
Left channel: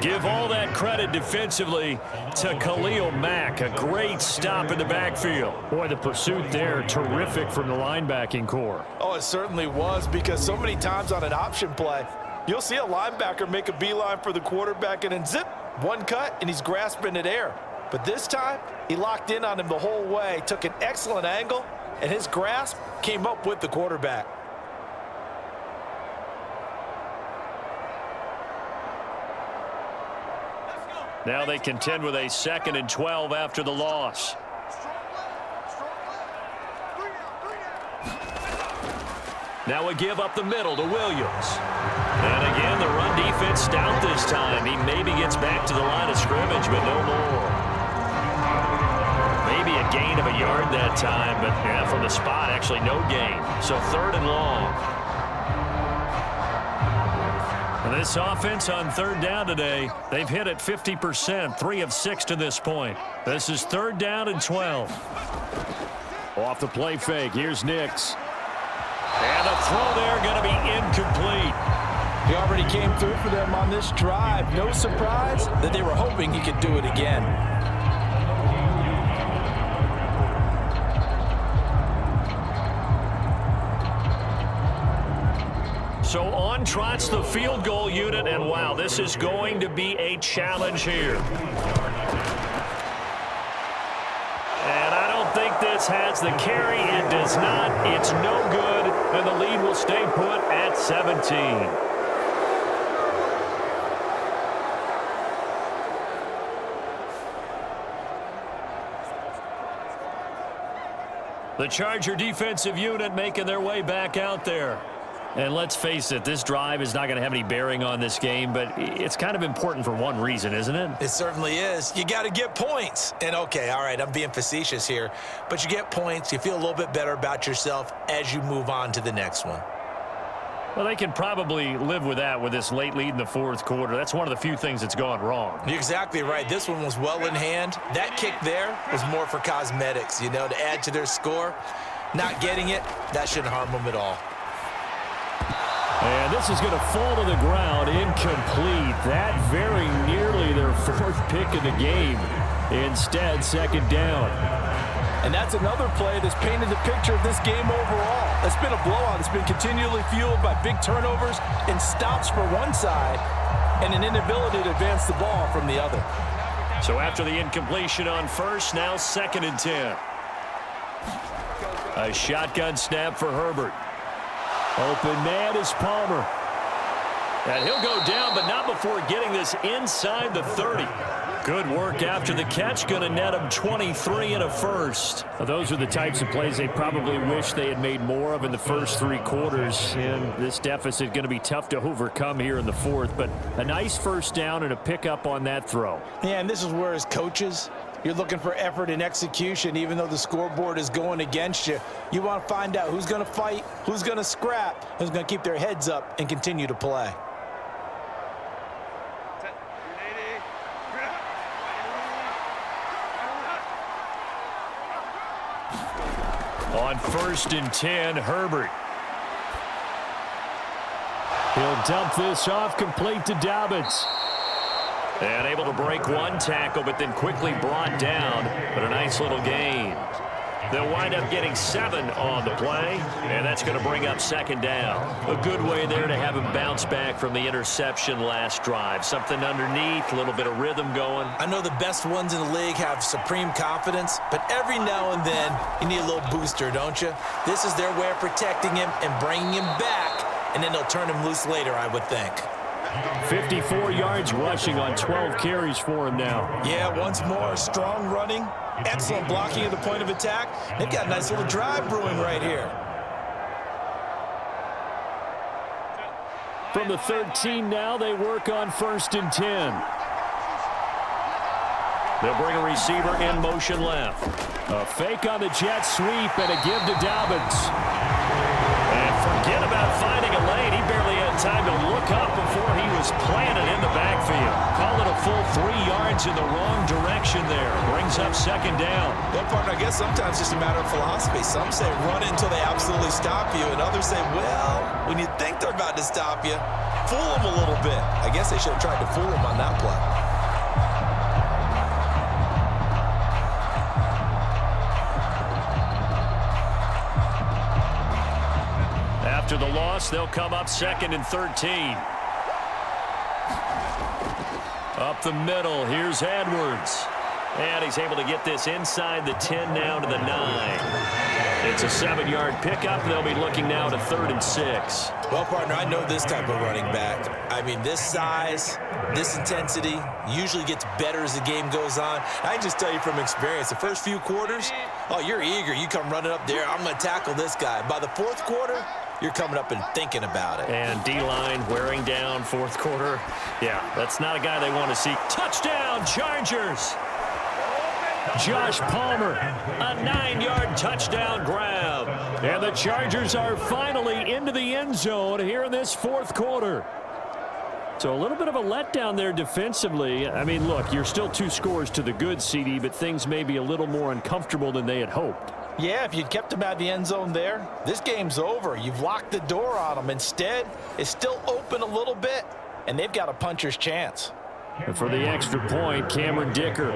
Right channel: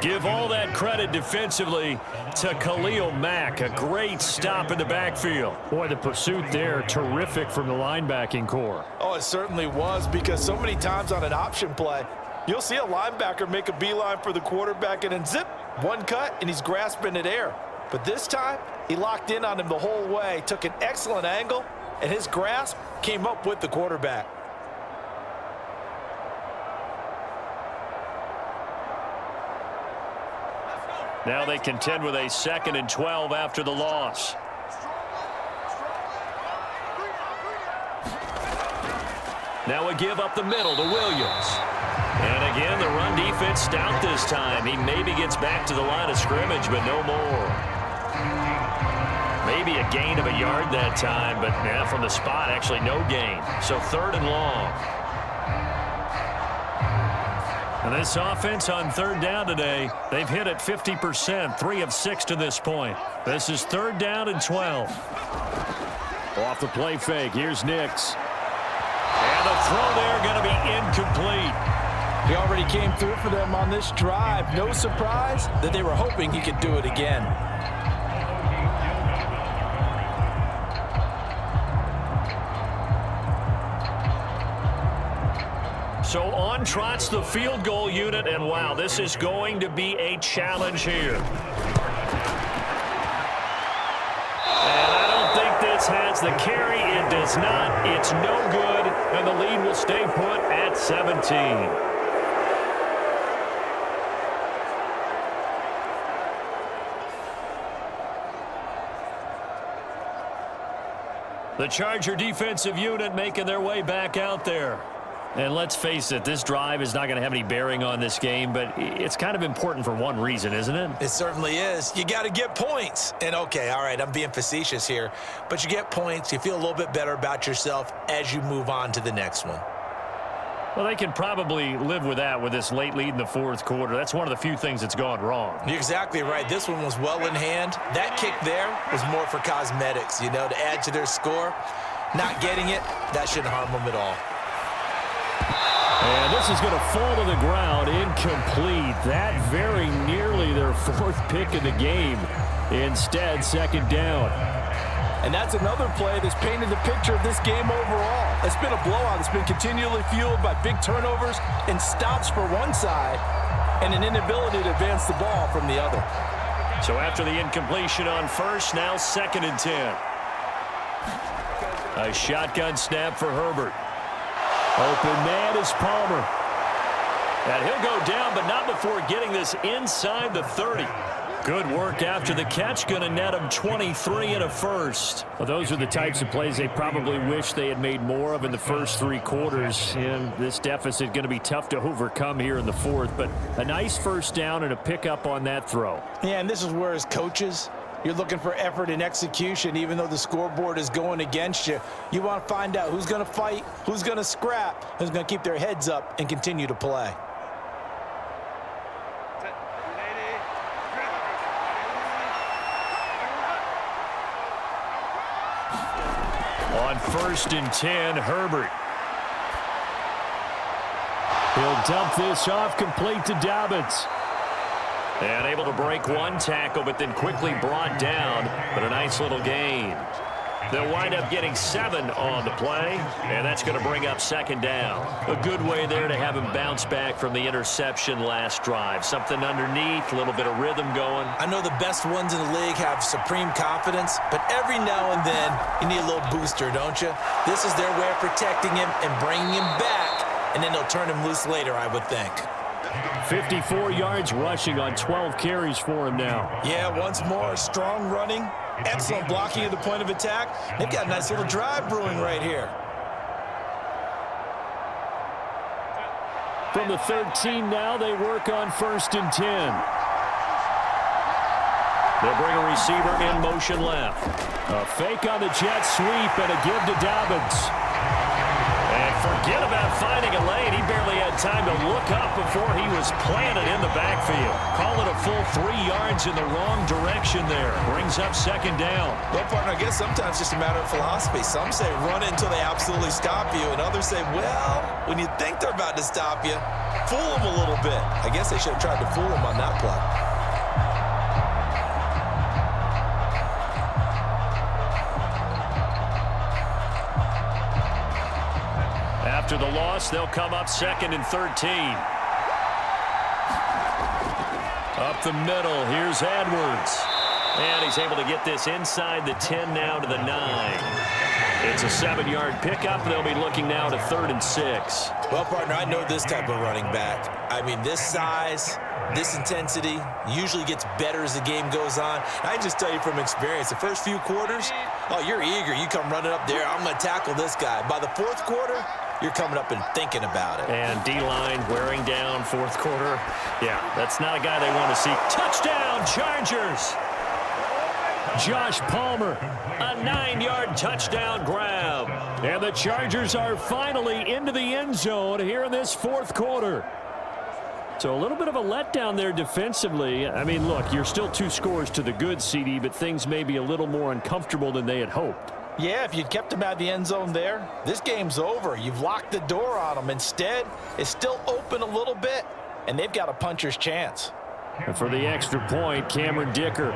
Give all that credit defensively to Khalil Mack. A great stop in the backfield. Boy, the pursuit there, terrific from the linebacking core. Oh, it certainly was, because so many times on an option play, you'll see a linebacker make a beeline for the quarterback and then zip, one cut, and he's grasping at air. But this time, he locked in on him the whole way, took an excellent angle, and his grasp came up with the quarterback. Now they contend with a 2nd and 12 after the loss. Now a give up the middle to Williams. And again, the run defense stout this time. He maybe gets back to the line of scrimmage, but no more. Maybe a gain of a yard that time, but yeah, from the spot, actually no gain. So 3rd and long. And this offense on 3rd down today, they've hit it 50%, 3 of 6 to this point. This is 3rd down and 12. Off the play fake, here's Nix. And the throw there going to be incomplete. He already came through for them on this drive. No surprise that they were hoping he could do it again. So on trots the field goal unit, and wow, this is going to be a challenge here. And I don't think this has the carry. It does not. It's no good, and the lead will stay put at 17. The Charger defensive unit making their way back out there. And let's face it, this drive is not going to have any bearing on this game, but it's kind of important for one reason, isn't it? It certainly is. You got to get points. And okay, all right, I'm being facetious here, but you get points, you feel a little bit better about yourself as you move on to the next one. Well, they can probably live with that with this late lead in the fourth quarter. That's one of the few things that's gone wrong. You're exactly right. This one was well in hand. That kick there was more for cosmetics, you know, to add to their score. Not getting it, that shouldn't harm them at all. And this is going to fall to the ground, incomplete. That very nearly their 4th pick of the game. Instead, 2nd down. And that's another play that's painted the picture of this game overall. It's been a blowout. It's been continually fueled by big turnovers and stops for one side and an inability to advance the ball from the other. So after the incompletion on first, now 2nd and 10. A shotgun snap for Herbert. Open man is Palmer. And he'll go down, but not before getting this inside the 30. Good work after the catch. Going to net him 23 and a first. Well, those are the types of plays they probably wish they had made more of in the first 3 quarters. And this deficit going to be tough to overcome here in the 4th. But a nice first down and a pickup on that throw. Yeah, and this is where as coaches, you're looking for effort and execution. Even though the scoreboard is going against you, you want to find out who's going to fight, who's going to scrap, who's going to keep their heads up and continue to play. On 1st and 10, Herbert. He'll dump this off complete to Dobbins. And able to break 1 tackle, but then quickly brought down. But a nice little gain. They'll wind up getting 7 on the play, and that's going to bring up 2nd down. A good way there to have him bounce back from the interception last drive. Something underneath, a little bit of rhythm going. I know the best ones in the league have supreme confidence, but every now and then you need a little booster, don't you? This is their way of protecting him and bringing him back, and then they'll turn him loose later, I would think. 54 yards rushing on 12 carries for him now. Yeah, once more, strong running. Excellent blocking at the point of attack. They've got a nice little drive brewing right here. From the 13 now, they work on 1st and 10. They'll bring a receiver in motion left. A fake on the jet sweep and a give to Dobbins. And forget about finding a lane. He barely had time to look up before he was planted in the backfield. Call it a full 3 yards in the wrong direction there. Brings up 2nd down. Well, partner, I guess sometimes it's just a matter of philosophy. Some say run it until they absolutely stop you, and others say, well, when you think they're about to stop you, fool them a little bit. I guess they should have tried to fool them on that play. After the loss, they'll come up 2nd and 13. Up the middle, here's Edwards. And he's able to get this inside the 10 now to the 9. It's a 7-yard pickup. They'll be looking now to 3rd and 6. Well, partner, I know this type of running back. I mean, this size, this intensity usually gets better as the game goes on. I can just tell you from experience, the first few quarters, oh, you're eager. You come running up there, I'm going to tackle this guy. By the 4th quarter, you're coming up and thinking about it. And D-line wearing down 4th quarter. Yeah, that's not a guy they want to see. Touchdown, Chargers! Josh Palmer. A 9-yard touchdown grab. And the Chargers are finally into the end zone here in this 4th quarter. So a little bit of a letdown there defensively. I mean, look, you're still 2 scores to the good, CD, but things may be a little more uncomfortable than they had hoped. Yeah, if you'd kept them out of the end zone there, this game's over. You've locked the door on them. Instead, it's still open a little bit, and they've got a puncher's chance. And for the extra point, Cameron Dicker.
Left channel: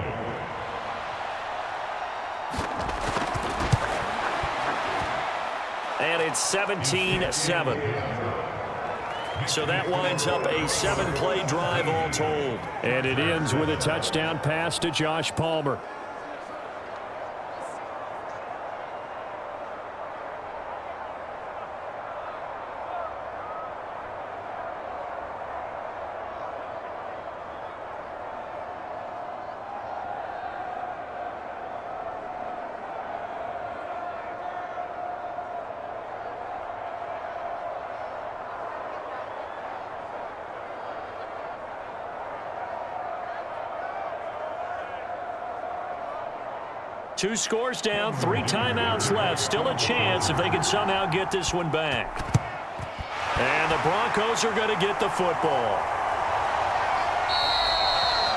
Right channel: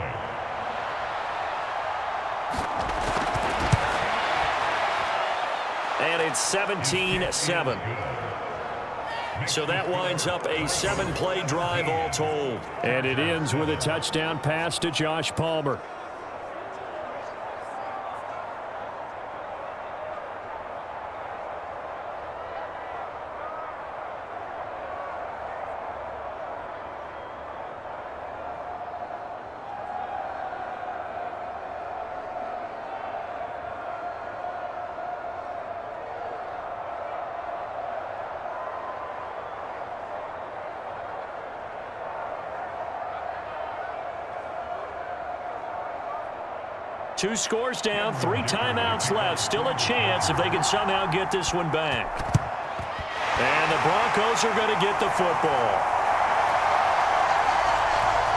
And it's 17-7. So that winds up a 7-play drive all told. And it ends with a touchdown pass to Josh Palmer. Two scores down, 3 timeouts left. Still a chance if they can somehow get this one back. And the Broncos are going to get the football.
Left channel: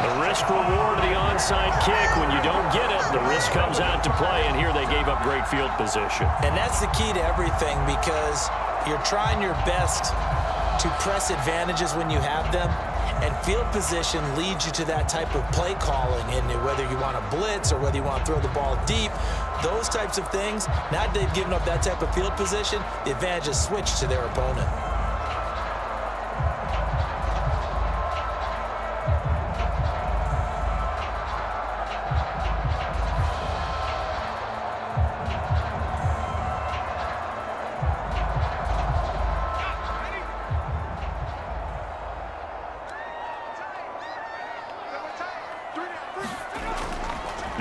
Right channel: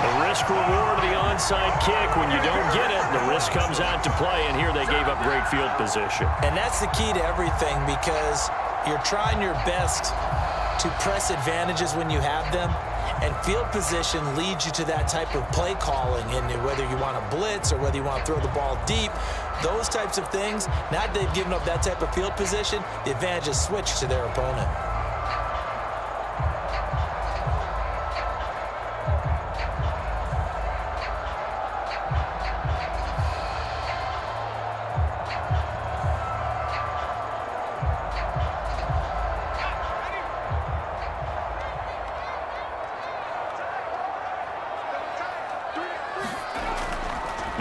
The risk reward of the onside kick. When you don't get it, the risk comes out to play, and here they gave up great field position. And that's the key to everything, because you're trying your best to press advantages when you have them, and field position leads you to that type of play calling. And whether you want to blitz or whether you want to throw the ball deep, those types of things, now that they've given up that type of field position, the advantage is switched to their opponent.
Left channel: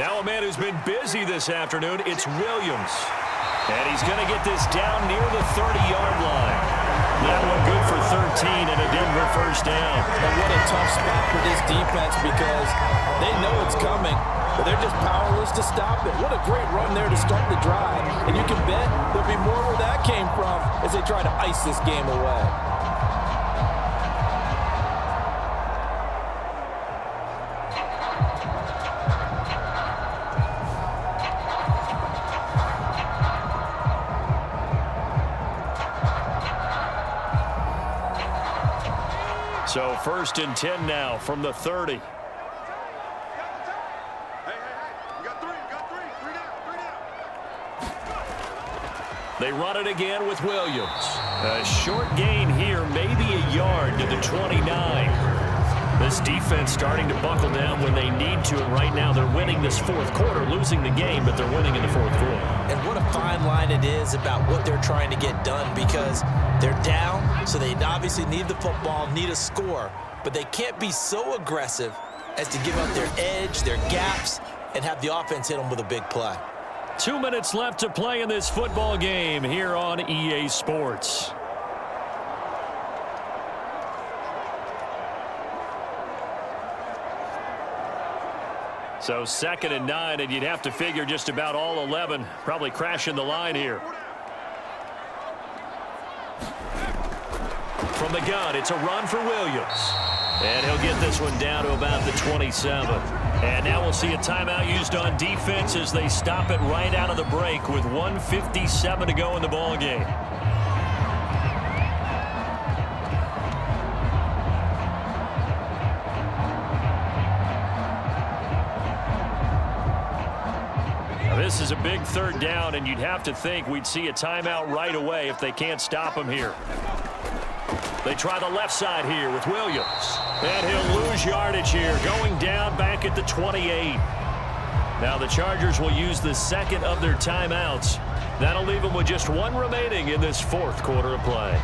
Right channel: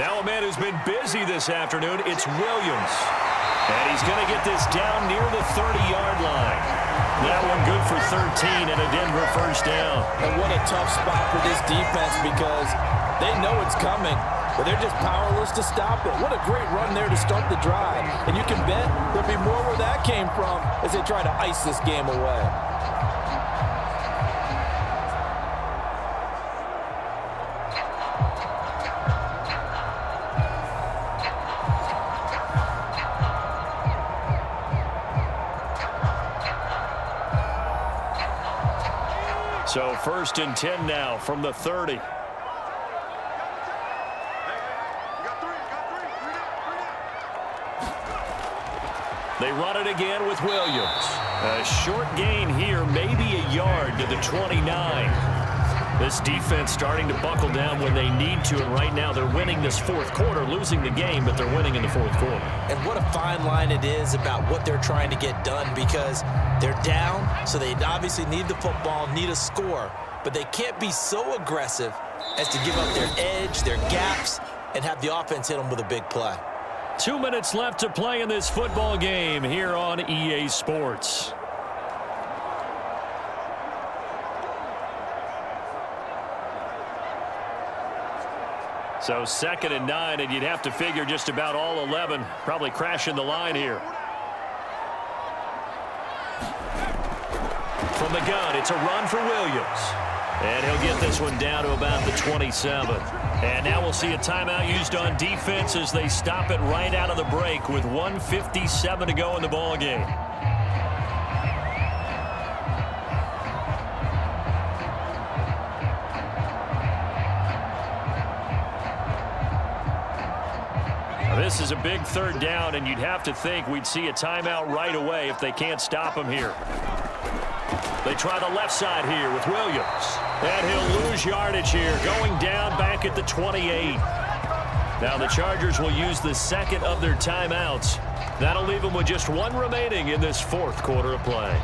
Now a man who's been busy this afternoon, it's Williams. And he's going to get this down near the 30-yard line. That one good for 13 and a Denver first down. And what a tough spot for this defense because they know it's coming, but they're just powerless to stop it. What a great run there to start the drive. And you can bet there'll be more where that came from as they try to ice this game away. So 1st and 10 now from the 30. They run it again with Williams. A short gain here, maybe a yard to the 29. This defense starting to buckle down when they need to, and right now they're winning this fourth quarter, losing the game, but they're winning in the fourth quarter. And what a fine line it is about what they're trying to get done because they're down, so they obviously need the football, need a score, but they can't be so aggressive as to give up their edge, their gaps, and have the offense hit them with a big play. 2 minutes left to play in this football game here on EA Sports. So 2nd and 9, and you'd have to figure just about all 11 probably crashing the line here. From the gun, it's a run for Williams. And he'll get this one down to about the 27. And now we'll see a timeout used on defense as they stop it right out of the break with 1:57 to go in the ball game. Now this is a big 3rd down, and you'd have to think we'd see a timeout right away if they can't stop him here. They try the left side here with Williams. And he'll lose yardage here, going down back at the 28. Now the Chargers will use the 2nd of their timeouts. That'll leave them with just 1 remaining in this 4th quarter of play.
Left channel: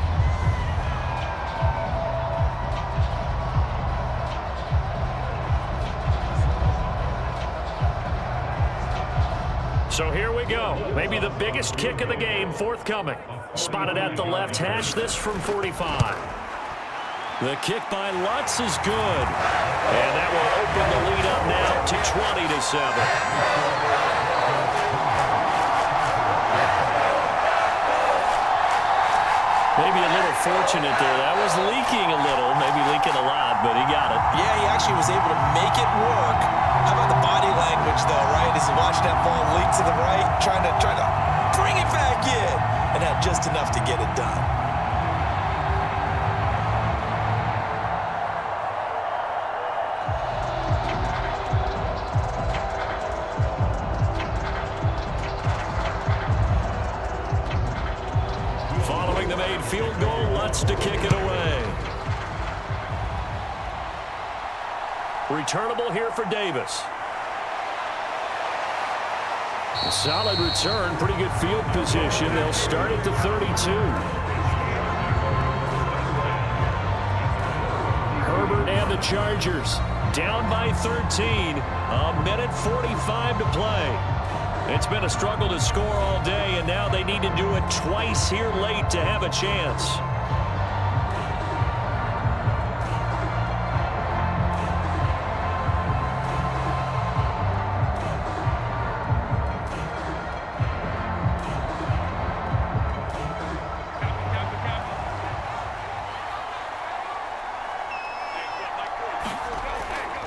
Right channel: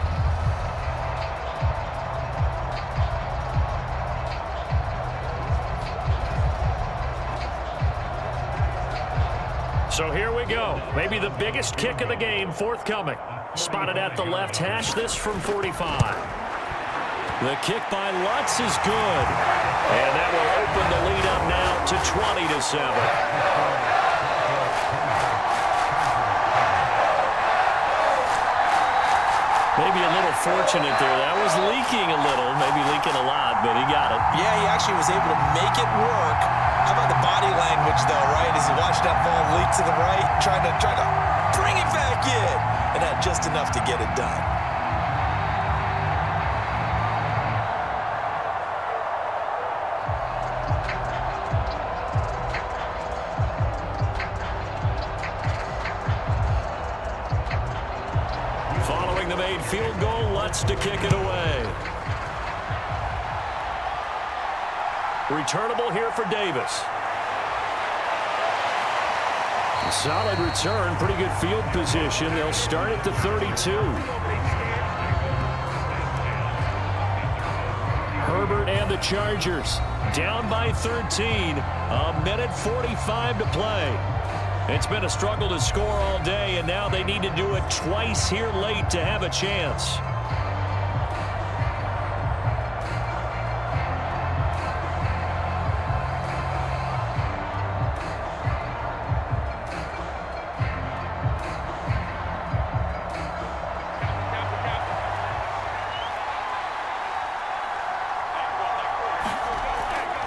So here we go. Maybe the biggest kick of the game forthcoming. Spotted at the left hash, this from 45. The kick by Lutz is good. And that will open the lead up now to 20-7. Maybe a little fortunate there. That was leaking a little, maybe leaking a lot, but he got it. Yeah, he actually was able to make it work. How about the body language, though, right? As he watched that ball leak to the right, trying to bring it back in, and had just enough to get it done. Following the made field goal, Lutz to kick it away. Returnable here for Davis. A solid return, pretty good field position. They'll start at the 32. Herbert and the Chargers down by 13. A minute 45 to play. It's been a struggle to score all day, and now they need to do it twice here late to have a chance.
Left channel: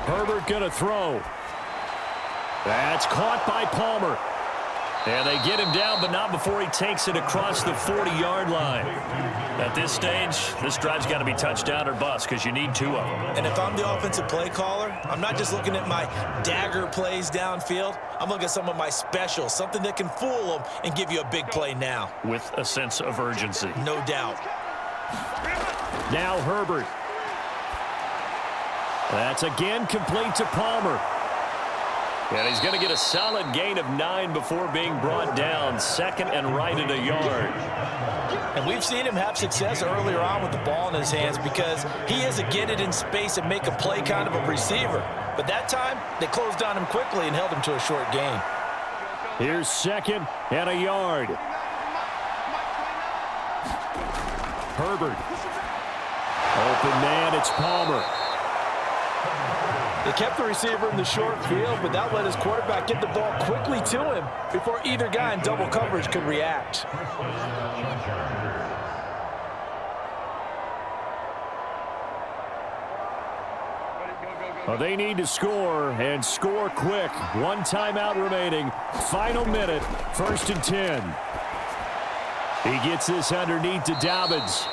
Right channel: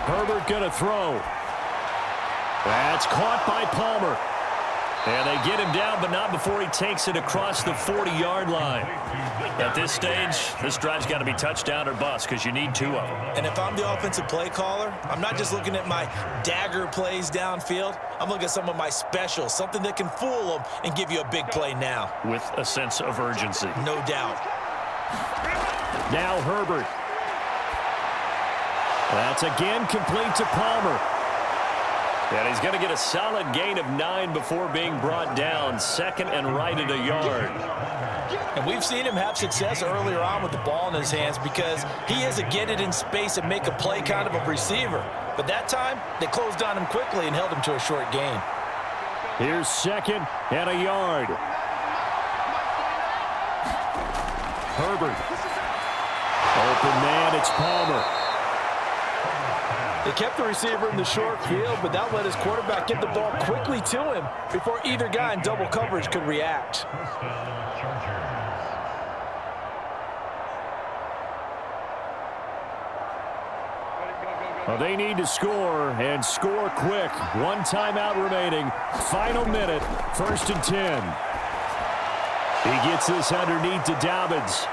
Herbert gonna throw. That's caught by Palmer. And they get him down, but not before he takes it across the 40-yard line. At this stage, this drive's got to be touchdown or bust because you need 2 of them. And if I'm the offensive play caller, I'm not just looking at my dagger plays downfield. I'm looking at some of my specials, something that can fool them and give you a big play now. With a sense of urgency. No doubt. Now Herbert. That's again complete to Palmer. And he's going to get a solid gain of 9 before being brought down. 2nd and right at a yard. And we've seen him have success earlier on with the ball in his hands because he is a get it in space and make a play kind of a receiver. But that time, they closed on him quickly and held him to a short gain. Here's 2nd and a yard. Herbert. Open man, it's Palmer. They kept the receiver in the short field, but that let his quarterback get the ball quickly to him before either guy in double coverage could react. Well, they need to score, and score quick. 1 timeout remaining. Final minute, 1st and 10. He gets this underneath to Dobbins.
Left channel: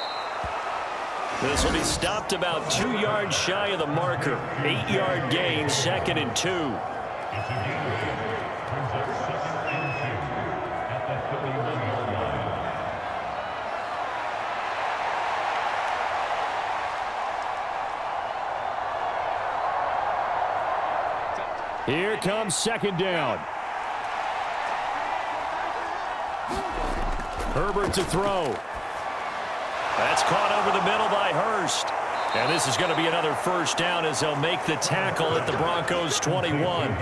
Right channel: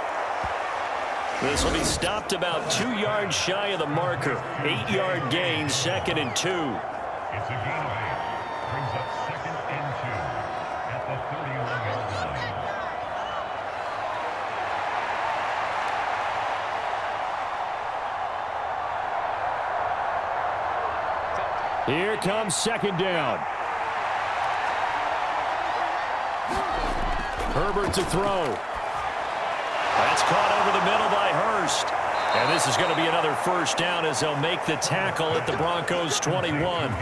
This will be stopped about 2 yards shy of the marker. 8-yard gain, 2nd and 2. It's a gain of 8. Brings up 2nd and 2 at the 31-yard line. Here comes 2nd down. Herbert to throw. That's caught over the middle by Hurst. And this is going to be another 1st down as they'll make the tackle at the Broncos 21.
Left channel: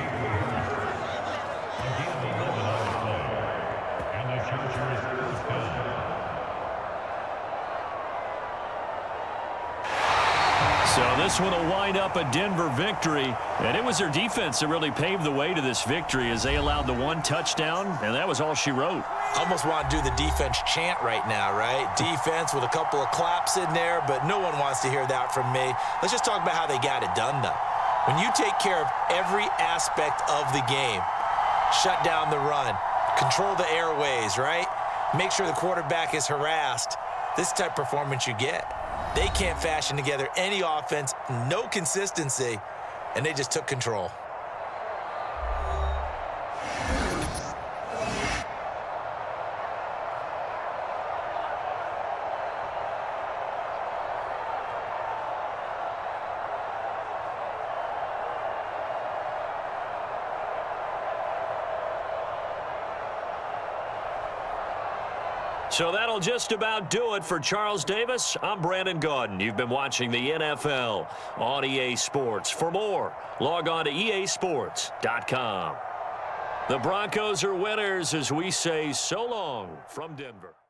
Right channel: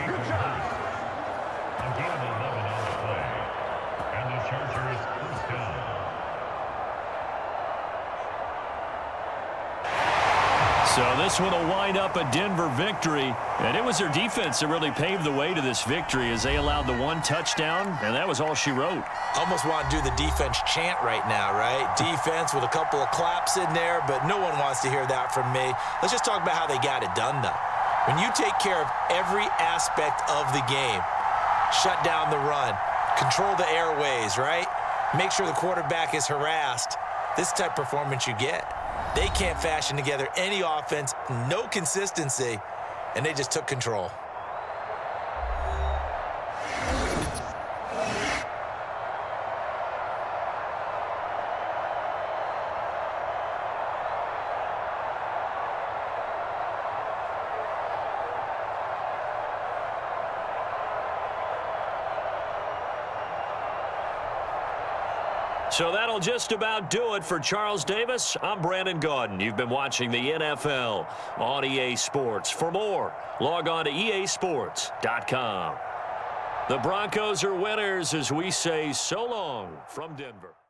So this one will wind up a Denver victory. And it was their defense that really paved the way to this victory as they allowed the 1 touchdown, and that was all she wrote. Almost want to do the defense chant right now, right? Defense with a couple of claps in there, but no one wants to hear that from me. Let's just talk about how they got it done, though. When you take care of every aspect of the game, shut down the run, control the airways, right? Make sure the quarterback is harassed. This type of performance you get. They can't fashion together any offense, no consistency, and they just took control. So that'll just about do it for Charles Davis. I'm Brandon Gaudin. You've been watching the NFL on EA Sports. For more, log on to easports.com. The Broncos are winners as we say so long from Denver.